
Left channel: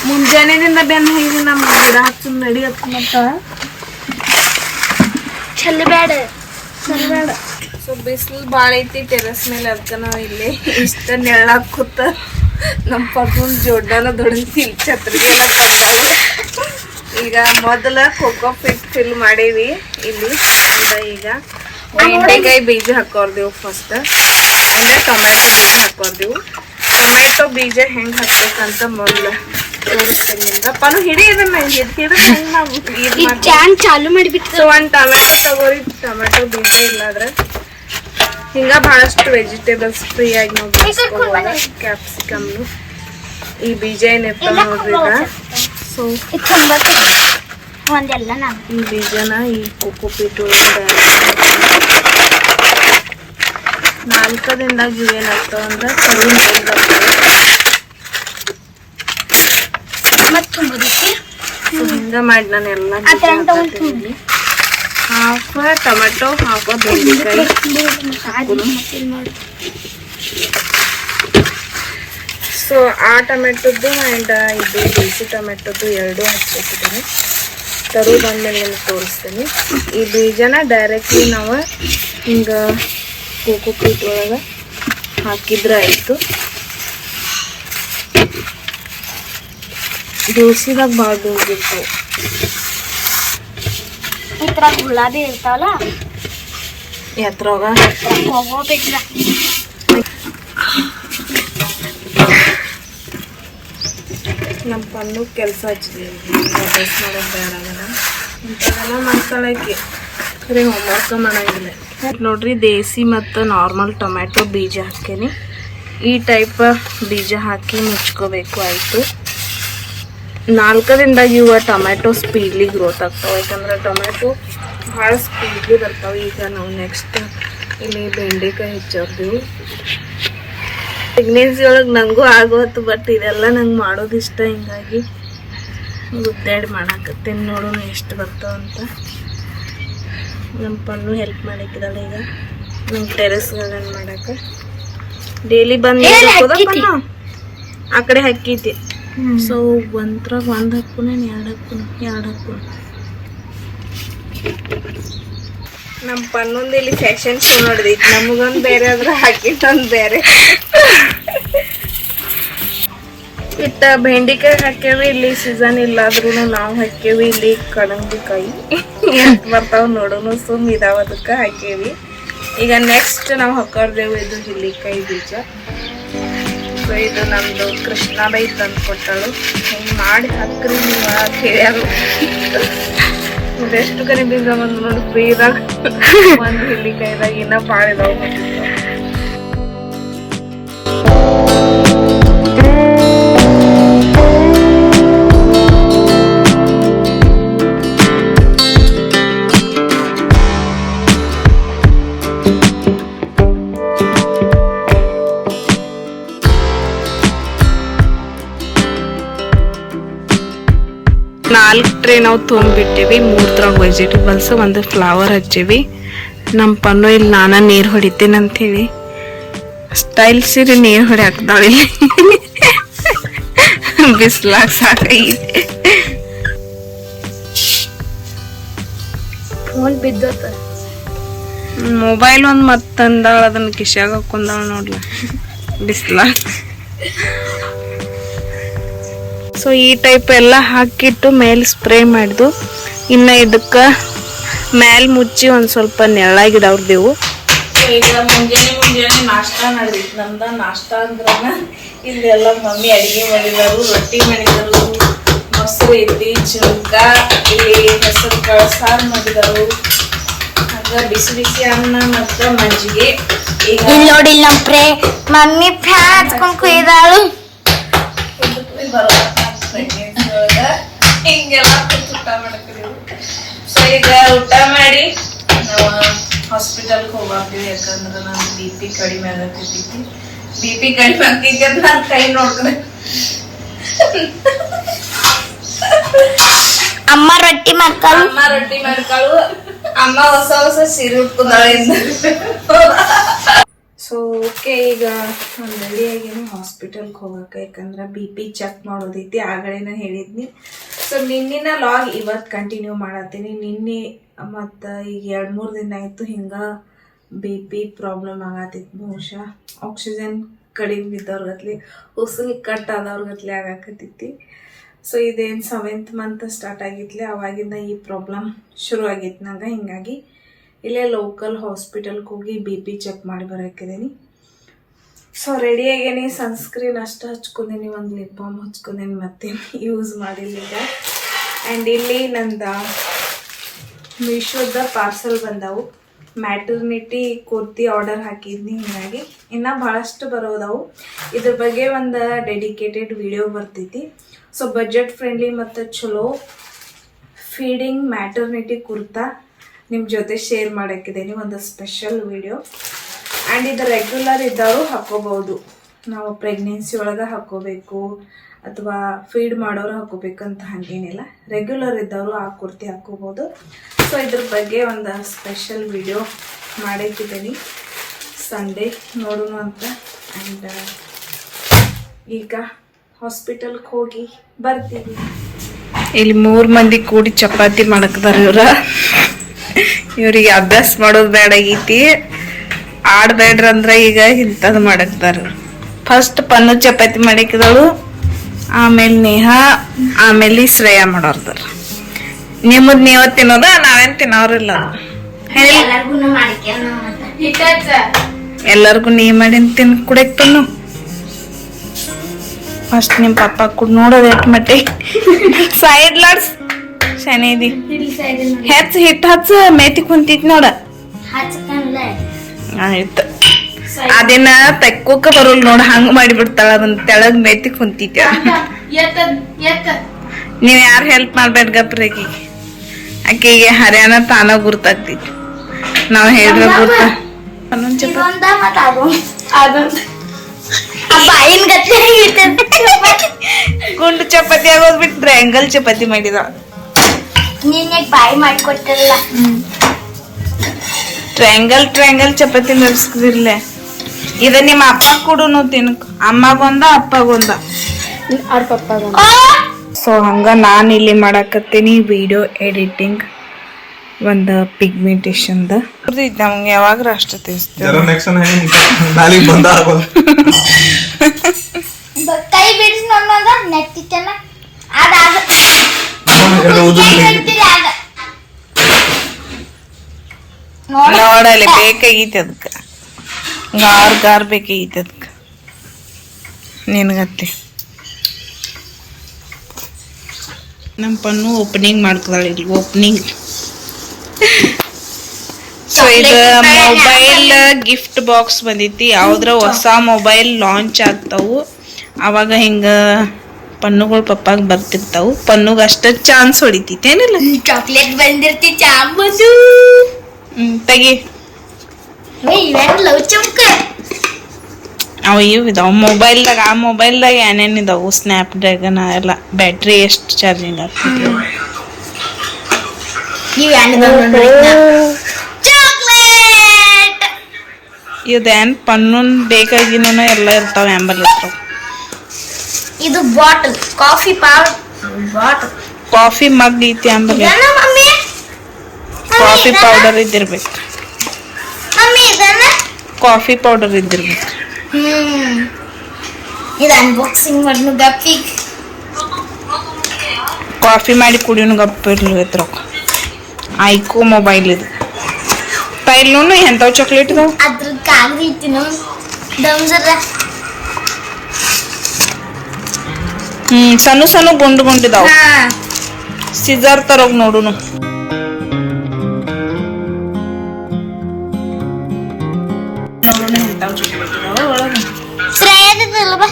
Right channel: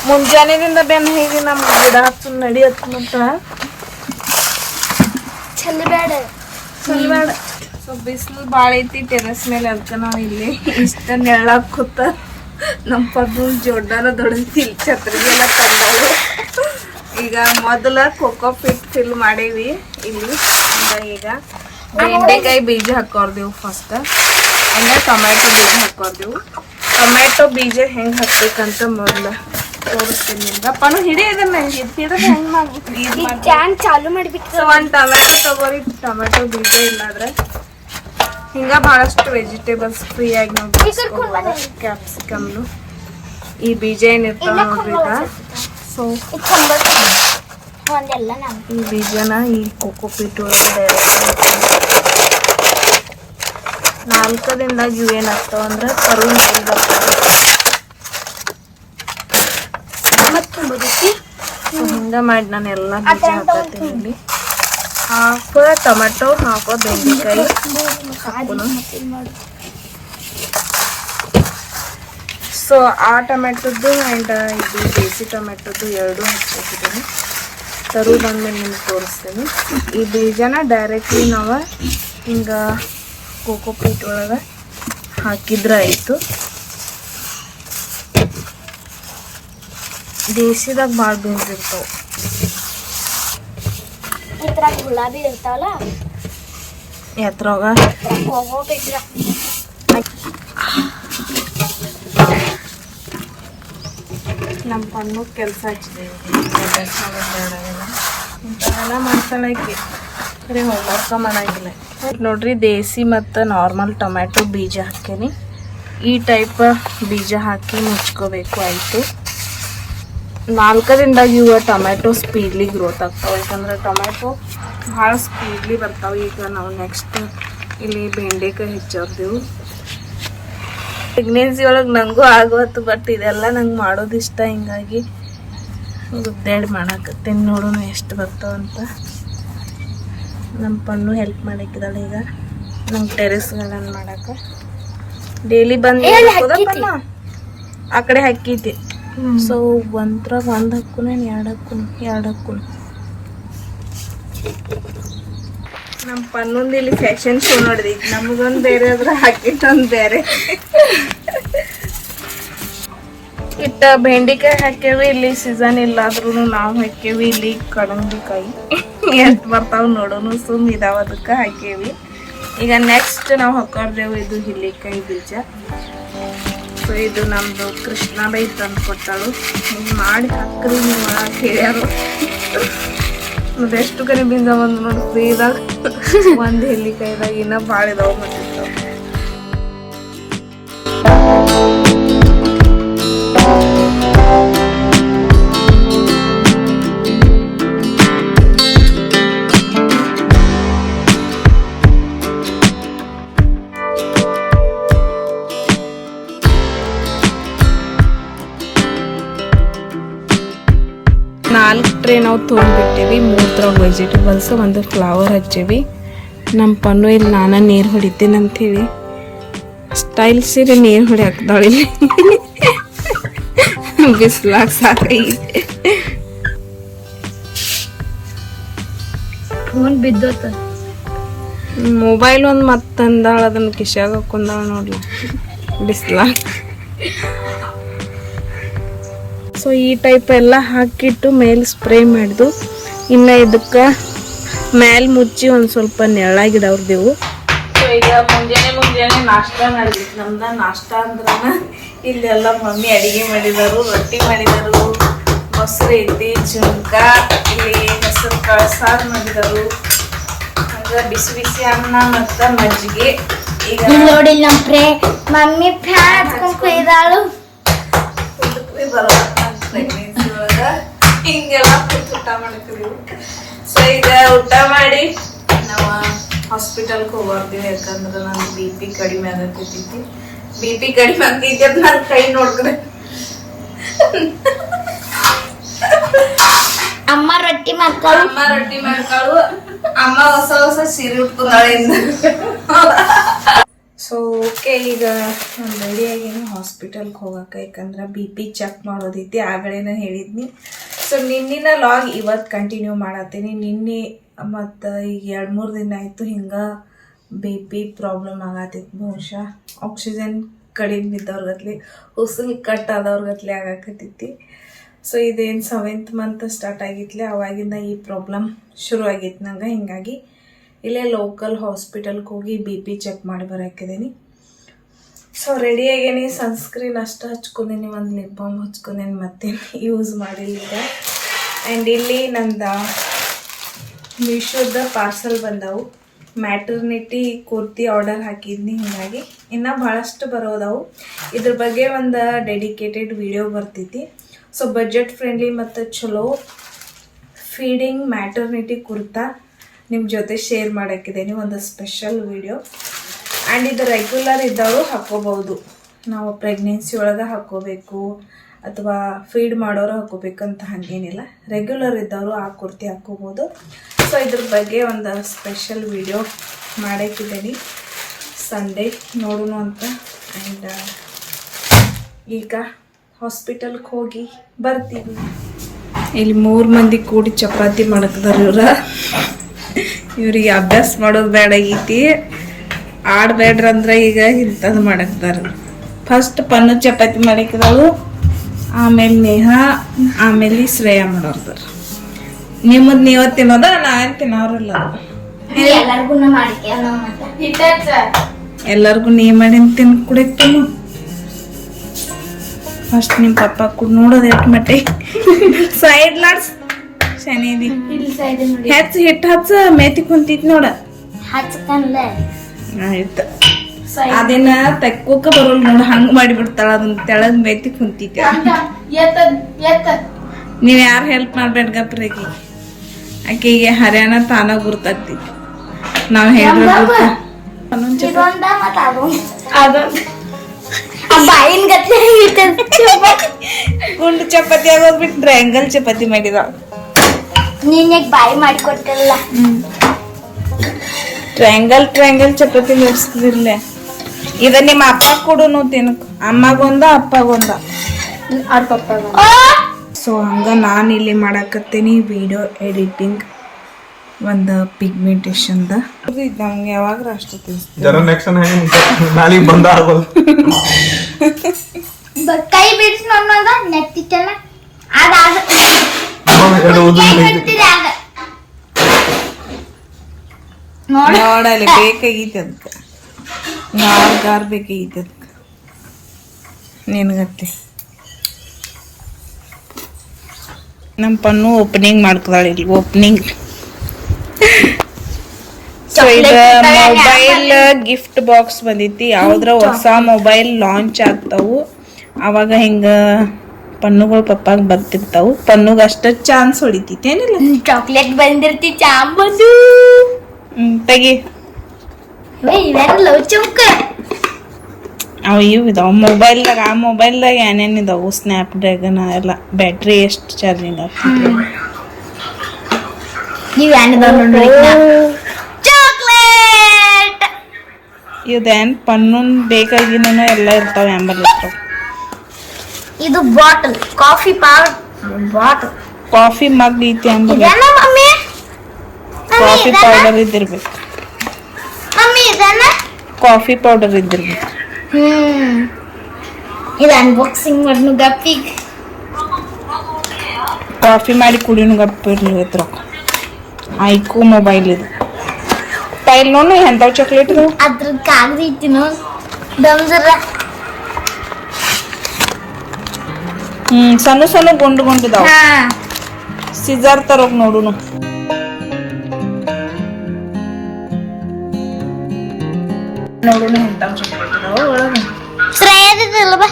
ಮುಂಜಾನೆದಿಂದ ಬೆನ್ನ ಹೇಗೆ ನಮ್ ಗಿಡ ಹಚ್ಚು ನಡಿಯತ್ ಮತ್ತ. ಚೆಲ್ಲಬೇಡ ಸೊ ಬಿಸಿಲು ಭಾಳ ಐತಿ ಟೆರಸ್ ಮೇಲೆ ಅದಕ್ಕೆ ನಾವು ಇಲ್ಲಿ ಇಷ್ಟ ನೆಳ್ಳ ಕೂತ ನಮ್ಮ ಪದ್ಮ ಜೋಡ್ಡಾನ ದೊಡ್ಡತಿ ಛತ್ರಿಗೆ ಎಲ್ಲ ತಂದಾಳು. ಈಗ ಮೊದಲ ಕೋಕೋ ಫಿಟ್ ಫಿಲ್ ಮಾಡೇವಿ ಇಲ್ಲಿ. ಅಂದ ಈಗ ಬೆಂಡೆಕಾಯಿ ಬೀಜ ಹಾಕೋರ್ದೆವು ಫಸ್ಟ್ ಇಲ್ಲ ಟೊಮ್ಯಾಟೊ ಬೀಜ ಹಾಕೋರ್ದೆವು. ಟೊಮ್ಯಾಟೊ ಬೀಜ ಹೆಂಗ್ ಹಾಕ್ಬೇಕಂತ ಮೊದಲ ತೋರಿಸ್ತೀನಿ. ನಿಮ್ಗೆ ಅಪ್ಪನು ಹಿಡಿ ಇದನ್ನ ಹಿಡಿದ್ರೆ ಹಿಡಿದು ಹೆಂಗ್ ನಾವು ಚಾನ್ ಚಾಲು ಮಾಡಿಬಿಟ್ಟು ಒಂದು ಟೊಮ್ಯಾಟೊ ತಗೋರಿ. ಟೊಮ್ಯಾಟೊ ಬೀಜ ಇಲ್ಲಾದ್ರೆ ಹಿಂಗ ಬಹಳಷ್ಟು ವೆಜಿಟೇಬಲ್ಸ್ ಫ್ರೀ ಆಗಿ ನಾವು ಕ್ಯಾಪ್ಸಿಕಮ್ನು. ಈ ಬೀಜ ಏನಿರ್ತಾವ ನೋಡ್ರಿ ಈಗ. ಸೊ ಈ ಬೀಜನ ಈ ಕೋಕೋ ಪೀಟ್ ಒಳಗಡೆ ಡೈರೆಕ್ಟ್ ಏನಾಗ್ತಾವ ಅಂದ್ರೆ ಕರು ಮೇಲೆ ಬರ್ತಾವೆ ಮತ್ತೆ ತುಂಬೋದಕ್ಕೆ ಸೊ ಹಿಂಗ ಮಾಡಿ ನಾನು ಎಲ್ಲ ಹಾಫ ಟೊಮೆಟೊ ಹಾಫ್ ಬೆಂಡೆಕಾಯಿ. ಹಾಕೋದು ಸೊ ಆ ಟೊಮೆಟೊದ್ದು ಆ್ಯಂಡ್ ಇದು ದೇಸಿ ಟೊಮೆಟೊದ್ದು ಎರಡು ಹಚ್ಚಿದ್ದೀನಿ ತರು ಬಂದ್ಮೇಲೆ ನಿಮ್ಗೆ ತೋರಿಸ್ತೀನಿ. ಈ ಬೀಜನ ಡೈರೆಕ್ಟ್ಲಿ ನಾವು ಹಿಂಗೆ ಕೋಕೋ ಪೀಟ್ ಒಳಗೆ ಹಾಕಿದ್ರೆ ಆಯಿತು. ದಿವ್ಸದಾಗ ಭಾಳ ಬೀಜಿರ್ತಾವೆ ಇದ್ರಾಗ ಗುಲಾಬಿ ಇರ್ತಾವಲ್ಲ? ಎದ್ರಾಗ ಹೋಗ್ಬೇಕಿಲ್ಲ ನಮ್ಮ ಪನ್ನು ಕೆಲಸ ಹಚ್ಚಿದೀವಿ ಡ್ರೆಸ್ ಮಾಡೋದು ಬೇಡ ಅವೆಲ್ಲ ಇಂಥವೆಲ್ಲ ಮಾಡ್ತಾಳೆ ಆಕಿ. ಖರೆ ಹೋಮ್ವರ್ಕ ಮಾಡಂಗಿಲ್ಲ. ನೋಡ್ರಿ ದೇಸಿ ಮತ್ತು ನಾರ್ಮಲ್ ಟೊಮ್ಯಾಟೊ ಬೀಜ ಹಾಕೇನಿ ಈ ಟೈಪ್ ಬೀಜ ಹಾಕಿ ಮುಚ್ಕೋಬೇಕು ಆಯಿತು. ನಾಲ್ಕದಿಂದಾಗ ಇವ ಟೊಮ್ಯಾಟೊ ಸ್ಪೀಡ್ಲಿ ಗ್ರೋತ್ ಆಗ್ತಾವೆ. ಯಾಕಂದ್ರೆ ಟೊಮ್ಯಾಟೊ ಭಾಳ ಸ್ಪೀಡ್ಲಿ ಬರ್ತಾವೆ. ಈಗ ನಾವು ನೆಕ್ಸ್ಟ್ ಇಲ್ಲಿ ಬೆಂಡೆಕಾಯಿ ಹೆಚ್ಚಾರ್ದೀವಿ ಪ್ರೆಗ್ನೆನ್ಸಿ ಒಳಗೆ ನನಗೂ ಆಗೋತ್ತು ಬಟ್ ಇದೆಲ್ಲ ನಂಗೆ ಮಾಡೋದು ಇಷ್ಟ. ಹಿಂಗಾಗಿ ಗುದ್ದಾಡಿ ಮಾಡಾಕತ್ತೇನೆ. ನೋಡೋಣ ಎಷ್ಟು ಬರ್ತಾವಂತ ನಮ್ಮ ಪಣ್ಣು ಹೆಲ್ಪ್ ಮಾಡಕ್ಕಿದಾಳೆ ಈಗ. ನಮ್ಮ ಟೆರೆಸ್ ಗಾರ್ಡನ್ ಮಾಡಕ್ಕೆ. ಡೈಲಿ ಬಂದು? ಆ ಕಡೆ ಹಾಕೈತಿ ಸೊ ಒಂದ್ರಾಗ ಒಂದು ಹಾಕ್ಕೊನೇನು ಎರಡು ಹಾಕ್ಕೊನು ಎರಡು ಹಾಕ್ಕೊನು ನಮ್ಮ ಪನ್ನೊಂದು ಇಲ್ಲಿ ಫ್ಯಾಷನ್ ಶೋ ನಡೆದೈತಿ. ನಮಗೊಂದು ಬೇರೆ ಅದ್ರ ಹಾಕಿಟ್ಟೊಂದು ಬೇರೆ. ಇಟ್ಟ ಬೆಂಡಿಕಾಯಿ ಹಾಕ್ಯವಿ ಇಲ್ಲಿ ಸೀಸನ್ ಇಲ್ಲಾದ್ರೂ ನಾವು ಹಾಕ್ಯವಿ ಇಲ್ಲಿ ಕಡಂಗಿಕಾಯಿ ಎಷ್ಟು ಬರ್ತಾವೆ ನೋಡೋನು ಸುಮ್ ಇದಾವ ಅದಕ್ಕೆ ಹಾಕೇವಿ ಈಗ ನೆಕ್ಸ್ಟ್ ನಾವು ಹಾಕೋರ್ದೇವು ಇದು ಹಿಲ್ಲಿಕಾಯಿ ಬೀಜ. ಸೊ ಇದು ನಮ್ದು ಕೃಷ್ಣಾಬೈ ತಂದು ಕೊಟ್ಟಳು. ಹಿಂಗೆ ಮಾಡಿ ಹಾಕ್ರಿ ನೀವು ಅಂತ ಹೇಳ್ಯಾರು ಎಷ್ಟು ಕರಿ ಬೀಜ ಒಂದು ನೋಡಿ ಫ್ರೀದಾಗ ಒಂದು ಹಿಲ್ಲಿಕಾಯಿದಾಗ ಇನ್ನೂ ಭಾಳ ಇದಾವೆ ನಾವು ಮೂರು ಮೂರ್ದ್ರಾಗ ವೆಜಿಟೇಬಲ್ಸ್ ಒಂದು ಫ್ಲವರ್ ಹಚ್ಚೇವಿ. ನಮ್ಮ ಪನ್ನು ಇಲ್ಲಿ ನಾನು ನೀರು ಹೊಡಿತೀನಿ ಅಂತೀವಿ. ಸ್ಟೈಲ್ ಸೀರೆ ನೀರು ಹೊಡಿ ಹಾಕ್ದಾಳೆ ಇಲ್ಲಿ. ಸಾಕ ಸಾಕೈತೆ ಮೊಬೈಲ್ ಒಂದು ಮತ್ತಂದಾಳ ಅದನ್ನ ಕಿಶಾಗ ಹಾಕೊಂಡಾಳ ನೋಡ್ಲಿ. ಬಿಸ್ಲಾಗ. ಸೊ ಈ ಟೈಪ್ ಎಲ್ಲ ಹಾಕಿಟ್ಟು ಮೇಲೆ ಸ್ಪ್ರೇ ಮಾಡಿದು. ಇನ್ನು ಇದಕ್ಕೆ ಮೇಲೆ ಮುಚ್ಚಿ ಒಂದು ಸ್ವಲ್ಪ ನೆರಳಾಗಿಡವ್ರದೇವು ಸೊ ಈಗ ಮುಂಜಾನೆ ಮುಂಜಾನೆ ನಾಷ್ಟ ನಡೆದಿತ್ತು ನಮ್ದ ನಾಷ್ಟ ಅಂದ್ರನ ಇಲ್ಲೆಲ್ಲ ಮಮ್ಮಿ ಅಡಿಗೆ ಮಾಡಿದಾರು ರೊಟ್ಟಿ ಮಾಡಿದಾರು ಮೊಸರು ಐತಿ ಜುಂಕ ಇಲ್ಲಿ ಹೆಸರು ಕಾಳು ಸಾರು ಮಾಡಿದಾರು. ಅಂದ್ರೆ ಬಿಸಿ ಬಿಸಿ ಅನ್ನ ಮತ್ತ ಮಜ್ಜಿಗೆ. ಈಗ ಇಲ್ಲಿ ನೋಡಿ ಇಲ್ಲಿ ನಮ್ ಪ್ರೇ ಮಮ್ಮಿ ಫ್ಯಾನ್ ಹಚ್ಕೊಂಡು ಕುಯ್ದಾಳು ಬರಲ್ಲ ಪ್ರೆಗ್ನೆನ್ಸಿ ಒಳಗ ಹಿಂಗೆಲ್ಲ ಊಟ ಮಾಡ್ತೀವಿ. ಸೊ ಈಗ ಊಟ ಮಾಡಿ ನಾವು ಹಾಸ್ಪಿಟಲ್ಗೆ ಹೋಗ್ತೀವಿ ಯಾಕಂದ್ರೆ ನಾನು ಬಿ ಪಿ ಕಡಿಮೆ ಆಗತ್ತೈತಿ ಬಿ ಪಿ ಕಡಿಮೆ ಆಗ್ತೈತಿ ಅಂತ ನಾನು ಕೈ ನೋಡ್ತಾರೆ ಅಮ್ಮ ರೊಟ್ಟಿ ಮಕ್ಕಳು ಅಮ್ಮ ರೊಟ್ಟಿ ಮಾಡ್ಕಳು. ಅಮ್ಮ ಹೊಸ ಹೊಸ ಸೀರೆ ಉಟ್ಕೊಂಡಾಳೆ ಈಗ ಒಂದು ರೆಡಿಯಾಗೇನು ಹಾಸ್ಪಿಟಲ್ಗೆ ಹೋಗಕ್ಕೆ ಯಾಕಂದ್ರೆ ಬಿ ಪಿ ಚೆಕ್ ಮಾಡೋದೈತಿ ಆಗಲೇ ಹೇಳಿದ್ನಿ. ಸೊ ನಿನ್ನಿನ ಲಾಗ್ ಇವತ್ತು ಕಂಟಿನ್ಯೂ ಮಾಡತ್ತೀನಿ. ನಿನ್ನೆ ಮತ್ತು ಈಗ ಎರಡು ಮೂರು ದಿನ ಆಯಿತು ಹಿಂಗೆ ಬಿ ಪಿ ಪ್ರಾಬ್ಲಮ್ ಆಗತ್ತಿತ್ತು ಬಹುಶಃ. ಆಕ್ಸಿಜನ್ ಕಡಿಮೆ ಬಿದ್ದವ್ರಗತ್ಲಿ ಉಸಿಲ್ ಕಟ್ ಆದವ್ರಗತ್ಲಿ ಆಗಾಕತ್ತೈತಿ ಸೊ ಇದೇನು ಸೆವೆಂತ್ ಮಂತ್ ಸ್ಟಾರ್ಟ್ ಆಗಿತ್ತಲೆ ಅವಾಗಿಂದ ಈ ಪ್ರಾಬ್ಲಮ್ ಶುರು ಆಗಿತ್ತು ನಂಗೆ. ಹಿಂಗಾಗಿ ಇಲ್ಲೇ ಲೋಕಲ್ ಹಾಸ್ಪಿಟಲ್ಗೆ ಹೋಗಿ ಬಿ ಪಿ ಚೆಕ್ ಮಾಡಿ ಬರೋಕಿದ್ದೀನಿ ಸೊ ರೆಡಿ ಆಗೇನಿ. ಸನ್ಸ್ಕ್ರೀನ್ ಅಷ್ಟು ಹಚ್ಕೊಂಡೀನಿ, ಒಂದು ಲಿಪ್ ಬಾಮ್ ಹಚ್ಕೊಂಡೀನಿ, ಮತ್ತೆ ಯೂಸ್ ಮಾಡಿಲ್ಲ ಈಗ. ಆ್ಯಂಡ್ ಇಲ್ಲಿ ನಂದು ಮೀಶೋದ ಪಾರ್ಸಲ್ ಬಂದವು. ಮ್ಯಾಟರ್ನಿಟಿ ಕುರ್ತಿ ಆರ್ಡರ್ ಹಾಕಿದ್ನಿ ಹೀಗಾಗಿ. ಇನ್ನು ಭಾಳಷ್ಟು ಬರೋದವು. ಇದ್ರ ಬಗ್ಗೆ ಒಂದು ಡೆಡಿಕೇಟೆಡ್ ವಿಡಿಯೋ ಬರ್ತೈತಿ. ಸೊ ಬಜೆಟ್ ಫ್ರೆಂಡ್ಲಿ ಮತ್ತು ಚಲೋ ಫೀಡಿಂಗ್ ಮ್ಯಾಟರ್ನಿಟಿ ಕುರ್ತಾ ನಿಮ್ಮ ಜೊತೆ ಶೇರ್ ಮಾಡೋಕ್ಕಿದ್ದೀನಿ ಒಂದು ಸ್ಪೆಷಲ್ ವಿಡಿಯೋ ಆ್ಯಂಡ್ ಇದು ರೆಗ್ಯುಲರ್ ಇದ್ದವರು ಹಾಕೋಬಹುದು ನಾವು ಪ್ರೆಗ್ನೆನ್ಸಿ ಒಳಗೆ ಹಾಕೋಬೇಕು ಅಥವಾ ಫೀಡ್ ಮಾಡೋರು ಹಾಕೋಬೇಕಂತ ಹಾಗೇನಿಲ್ಲ. ರೆಗ್ಯುಲರ್ ಇದ್ದವರು ಆ ಕುರ್ತಿ ಹಾಕೋಬೋದು ಸೊ ಇದ್ರ ಬಗ್ಗೆ ಒಂದು ಸ್ಪೆಷಲ್ ವಿಡಿಯೋ ಮಾಡಕ್ಕಿದ್ದೀನಿ ಸಂಡೇ ನೋಡೋಣ ಅಂತ. ಆ್ಯಂಡ್ ಈಗ ಹಾಸ್ಪಿಟಲ್ಗೆ ಹೋಗಿ ಬರ್ತೀವಿ ಇಲ್ಲಿ ಮೂರು ಮಂದಿ ಕೂಡಿ ಚಪಾತಿ ಮಾಡಕ್ದಾರ ಇವ್ರ ಇವರಿಗೆ ಅಭ್ಯಾಸ ಮಾಡೋದು ಬೇಡಾಗೈತಿ ಆಡ್ಬೇಡ್ರ ಅಂದ್ರೆ ಈಗ ಇಂಥದ್ದು ಮಾಡಕ್ದಾರ. ಫಸ್ಟ್ ಪನ್ನು ಚಪಾತಿ ಮಾಡಕ್ಕಿದಳು ಆಮೇಲೆ ನೇಹಾ ಆಮೇಲೆ ಶ್ರೇಯ ಮಾಡೋರ್ದಾರ. ನಿಮ್ಮದ್ ನೀವ ತಿನ್ನೋದ ನಾವೇನ್ ತಿನ್ನೋರಿಲ್ಲ ಎಲ್ಲಾರ್ಗು ನೀ ಮಾಡಿ ತಿನ್ ಕುಡಿಯಕ್ ತನ್ನು ಫಸ್ಟ್ ನಿಮ್ಮ ಪಪ್ಪ ಕುಡ್ ನೋಡೋದು ಎಟ್ ಮಟ್ಟಿ. Side LADS. ಶನಿದಿ ಹೆಚ್ಚ ಹಿಟ್ಟು ಹಚ್ಚ ಮೇತಿ ಕುಂತಿತ್ ನೋಡ. ಹಚ್ಕಂದ್ಲ ಆಯ್ತು. ಅದೇನ ತೆಕ್ಕೋಕ ಬರೋಲ್ ನೋಡ ಹಂಗ ಮಾಡಿಬಿಡ್ತಾಳ ಅದನ್ನ ತೆಳಗ್ ಮೆತ್ತಿ ಕುಂತಿದ್ಯ? ನೀವ್ ಯಾರು ಹೆಲ್ಪ್ ಮಾಡ್ಬೇಡ ಗಪ್ರಗಿ ಆಕೆಗೆ ಹರ್ಯಾಣ ತಾನ ಗುರ್ತಾಗ್ತೈತಿ ನಾವ್ ಹೇಳಿದ್ರೆ ಗುರ್ತ. ಗುಂಡು ಚಪಾತಿ ಆಗೋದ್ ಬಿಟ್ರೆ ಟ್ರಯಾಂಗಲ್ ಚಪಾತಿ ಮಾಡಿದ. ನೀನ್ ಬಾಯಿ ಮಾಡ್ಕೊಟ್ಟಿಲ್ಲ? ಟ್ರಯಾಂಗಲ್ ಟ್ರಯಾಂಗಲ್ ಚಪಾತಿ ನಡ್ಸ್ಕಿದಿರ್ಲೆ. ಇದ ನಿಮ್ಮ ಅಪ್ಪ ಕೂಡ ತಿನ್ಕ. ಅಮ್ಮಗೊಂದ ಅಪ್ಪಗೊಂದ. ಅವ್ರ ಪಪ್ಪ ಸೊ ಹಂಗ ನಾನು ಇಲ್ಲಿ ಮಾಡಕತ್ತೀನಿ ವಿಡಿಯೋ ಎಡಿಟಿಂಗ್ ಒಂದು ಪಿಗ್ಮೆಂಟೇಷನ್ ನಮ್ಗೆ ಯಾವಾಗ ಅಷ್ಟು ಕೈ ಬಿಡಿಸಿ ಅನ್ನೋದ ನೆತ್ತಿತ್ತಲ್ಲ ಅದಾದ ಎರಡು ಉದುರು ಕೈ ಹಿಡ್ತೀರಿ ಅದ ನೋಡ ನೋಡಲ್ಲಿ ಬೇಕಾಗೈತಿ ಅದಕ್ಕೆ ಗಾರ್ ಗಾರ್ ಬೇಕಾಗೈತಿ ಅದಕ್ಕೆ ನಿನಗತ್ತೆ. ನಮ್ಮ ಪನ್ನು ಓಪನಿಂಗ್ ಮಾಡ್ಕೊದಾಳೆ ಇಲ್ಲಿ ಓಪನಿಂಗ್ ಸೊ ಇದು ಮೊಬೈಲ್ ಗಿಫ್ಟ್ ಬಾಕ್ಸ್ ಬಂದೈತಿ. ಯಾವ್ದ್ರ ಹೊಸ ಮೊಬೈಲ್ ಲಾಂಚ್ ಆಗ್ತಾವು. ಅವಾಗ ಹಿಂಗ ಪನ್ನುಗಳು ಪಪ್ಪಾಗ ಬರ್ತಿರ್ತಾವು. ಪನ್ನುಗ ಅಷ್ಟ ಚಾನ್ಸ್ ಹೊಡಿತೈತಿ ಏನಿಲ್ಲ. ಚಾಕ್ಲೇಟ್ ಬಂದಿರ್ತಿ ಚಾಂಬಂದು ಹ್ಮ್ ತೆಗಿ ಅವು ಇವು ಇದಾವೆ ಮೊಬೈಲ್ದಾಗ ಆ ಮೊಬೈಲ್ದಾಗ ಏನೇನು ಇದಾವು ಸ್ನ್ಯಾಪ್ ಡ್ರ್ಯಾಗನ್ ಎಲ್ಲ ಬ್ಯಾಟ್ರಿ ಎಷ್ಟು ಚಾರ್ಜಿಂಗ್ ಆಗ್ತದೆ ಇದೇನ್ ಪನ್ನೂನ್ ಬೇಕಾಗಿನೂ ಎಲ್ಲ ಇರ್ತಾವ ಆಂಬಲ್ ಇರ್ತಾವ ಇದು ಬಾಟಲ್ ಕಾಫಿ ಪಾವ್ ಬಾಟಲ್ ಕಾಫಿ ಮಗ್ ಐತಿ ಆಂಬಲ್ ಮಮ್ಮಿ ಕಾಫಿ ಪೌಡರ್ ಇದ್ದಿರ್ಬೇಕು. ಮಮ್ಮಿ ಇದನ್ನ ಕಾಫಿ ಪೌಡರ್ ಇದ್ದಿರ್ಬೇಕು. ಹ್ಮ್. ಇದು ಅನ್ಬಾಕ್ಸಿಂಗ್ ಮಾಡ್ನು ಗಪ್ಪಿಗ್. ಕಾಫಿ ಮಾಡಿ ಕುಡಿಯೋನು ಗಪ್ಪ ಇರ್ಲಿ ಹತ್ರ ಐಕೋ ಮೊಬೈಲ್ ಇದು. ತೈಲ್ ನೋನು ಎಂಥವು ಚಾಕ್ಲೇಟ್ ಇದಾವ? ಅದ್ರ ಕಾಗದ ಇತ್ತು ನೋನು ದಮ್ಸರ ಹ್ಮ್ ಸಣ್ಣ ಸಣ್ಣ ಗುಂಡು ಗುಂಡಿದಾವ ಸಿಜರ್ ತರೋಗ್ ನೋಡುನು. ನೋಡುನು ಎಂಥವು ಚಾಕ್ಲೇಟ್ ಇದಾವ ಒಳಗೆ ಶ್ರೇಯದಿಲ್ಲ ಬಾ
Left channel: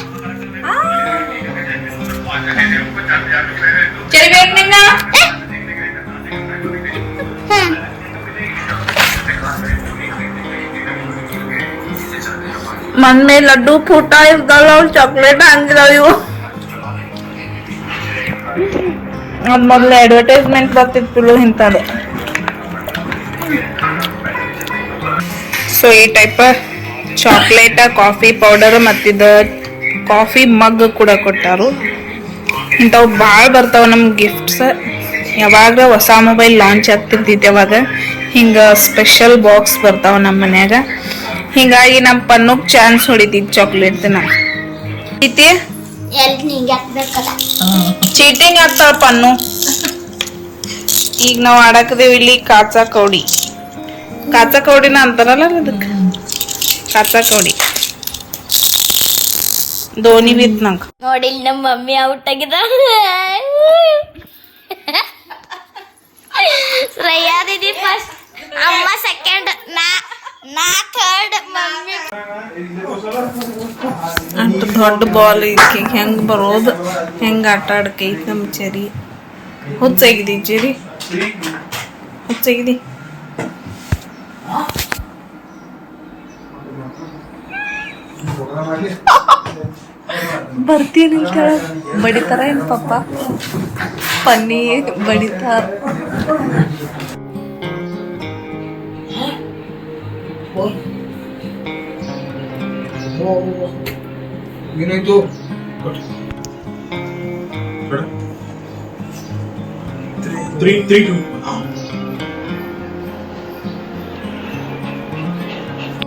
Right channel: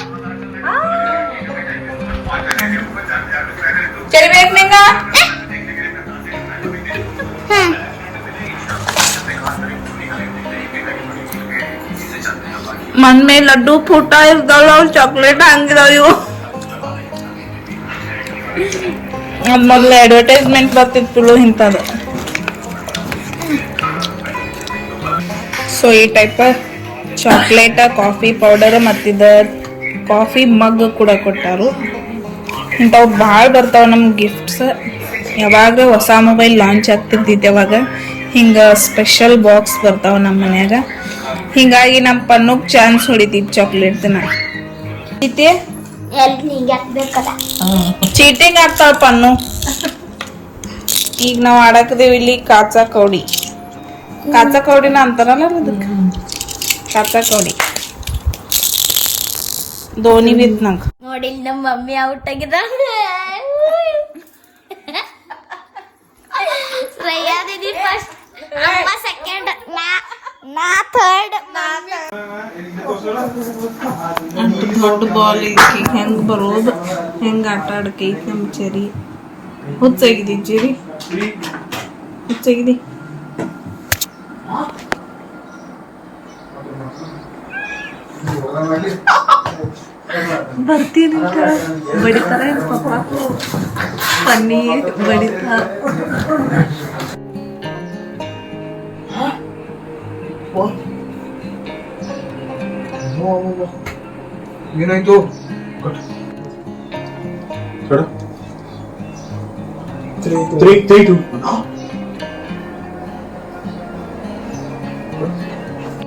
ಚರಿ ಬೇಕು ನಿಂಗ ಹ್ಮ್ ಮನ್ ಮೇಲೆ ಲಡ್ಡು ಪುಟ ಇರ್ತಾವ ಚಾಕ್ಲೇಟ್ ಹಂಗಿದಾವ ಇವು ಅದ್ ಮೊದ್ಲು ಅಡ್ವರ್ಟೈಸ್ಮೆಂಟ್ ಬರ್ತಿತ್ತು ಇಂಥದ್ದು ಸೊ ಈ ಟೈಪ್ ಚಾಕ್ಲೇಟ್ ಕಾಫಿ ಪೌಡರ್ ಮತ್ತಿದ ಕಾಫಿ ಮಗ್ ಕೂಡ ಕೊಟ್ಟಾರು. ಇಂಥವು ಭಾಳ ಬರ್ತಾವ ನಮ್ಮ ಗಿಫ್ಟ್ಸ್ ಯಾವಾಗ ಹೊಸ ಮೊಬೈಲ್ ಲಾಂಚ್ ಆಗ್ತಿರ್ತೈತೆ ಅವಾಗ ಹಿಂಗೆ ಸ್ಪೆಷಲ್ ಬಾಕ್ಸ್ ಬರ್ತಾವ ನಮ್ಮ ಮನ್ಯಾಗ. ಹಿಂಗಾಗಿ ನಮ್ಮ ಪನ್ನೋಗ್ ಚಾನ್ಸ್ ಹೊಡಿತೈತಿ ಚಾಕ್ಲೇಟ್ ಚೀಟಿಂಗ್ ಆಗ್ತಾವ ಪನ್ನು. ಈಗ ನಾವು ಆಡಕದೇವಿ ಇಲ್ಲಿ ಕಾಚಾ ಕೌಡಿ. ಕಾಚಾ ಕೌಡಿನ ಅಂತಾರಲ್ಲ ಅದಕ್ಕೆ ಕಾಚಾ ಕೌಡಿ ಧೋನಿ ಬಿತ್ ನಂಗೆ ನೋಡಿ ಇಲ್ಲಿ ನಮ್ಮ ಮಮ್ಮಿ ಔಟ್ ಆಗಿದ ಶ್ರೇಯಾ ದೀದಿ ಫಸ್ಟ್ ಅಮ್ಮ ಸೆಕೆಂಡ್ ನಾ ನಾ ಥರ್ಡ್ ಮಮ್ಮಿ ಅಷ್ಟು ದೊಡ್ಡ ಬಾಲ್ ಐತಿ ಹೆಂಗ್ ಬರೋದು ಹೆಂಗ್ ಆಟ ಆಡಕೈತಿ ನಮ್ಮ ಚೆರಿ ಹುಚ್ಚಾಗಿದೆ ಚೆರಿ ಹುಚ್ಚಾಗಿದೆ ಬರ್ತೀನಿ ಬಡಿತಾರ ಏನು ಪಪ್ಪ ಪನ್ನಿ ಬಡಿತಾರ. ಏನಾಯ್ತು? Three three to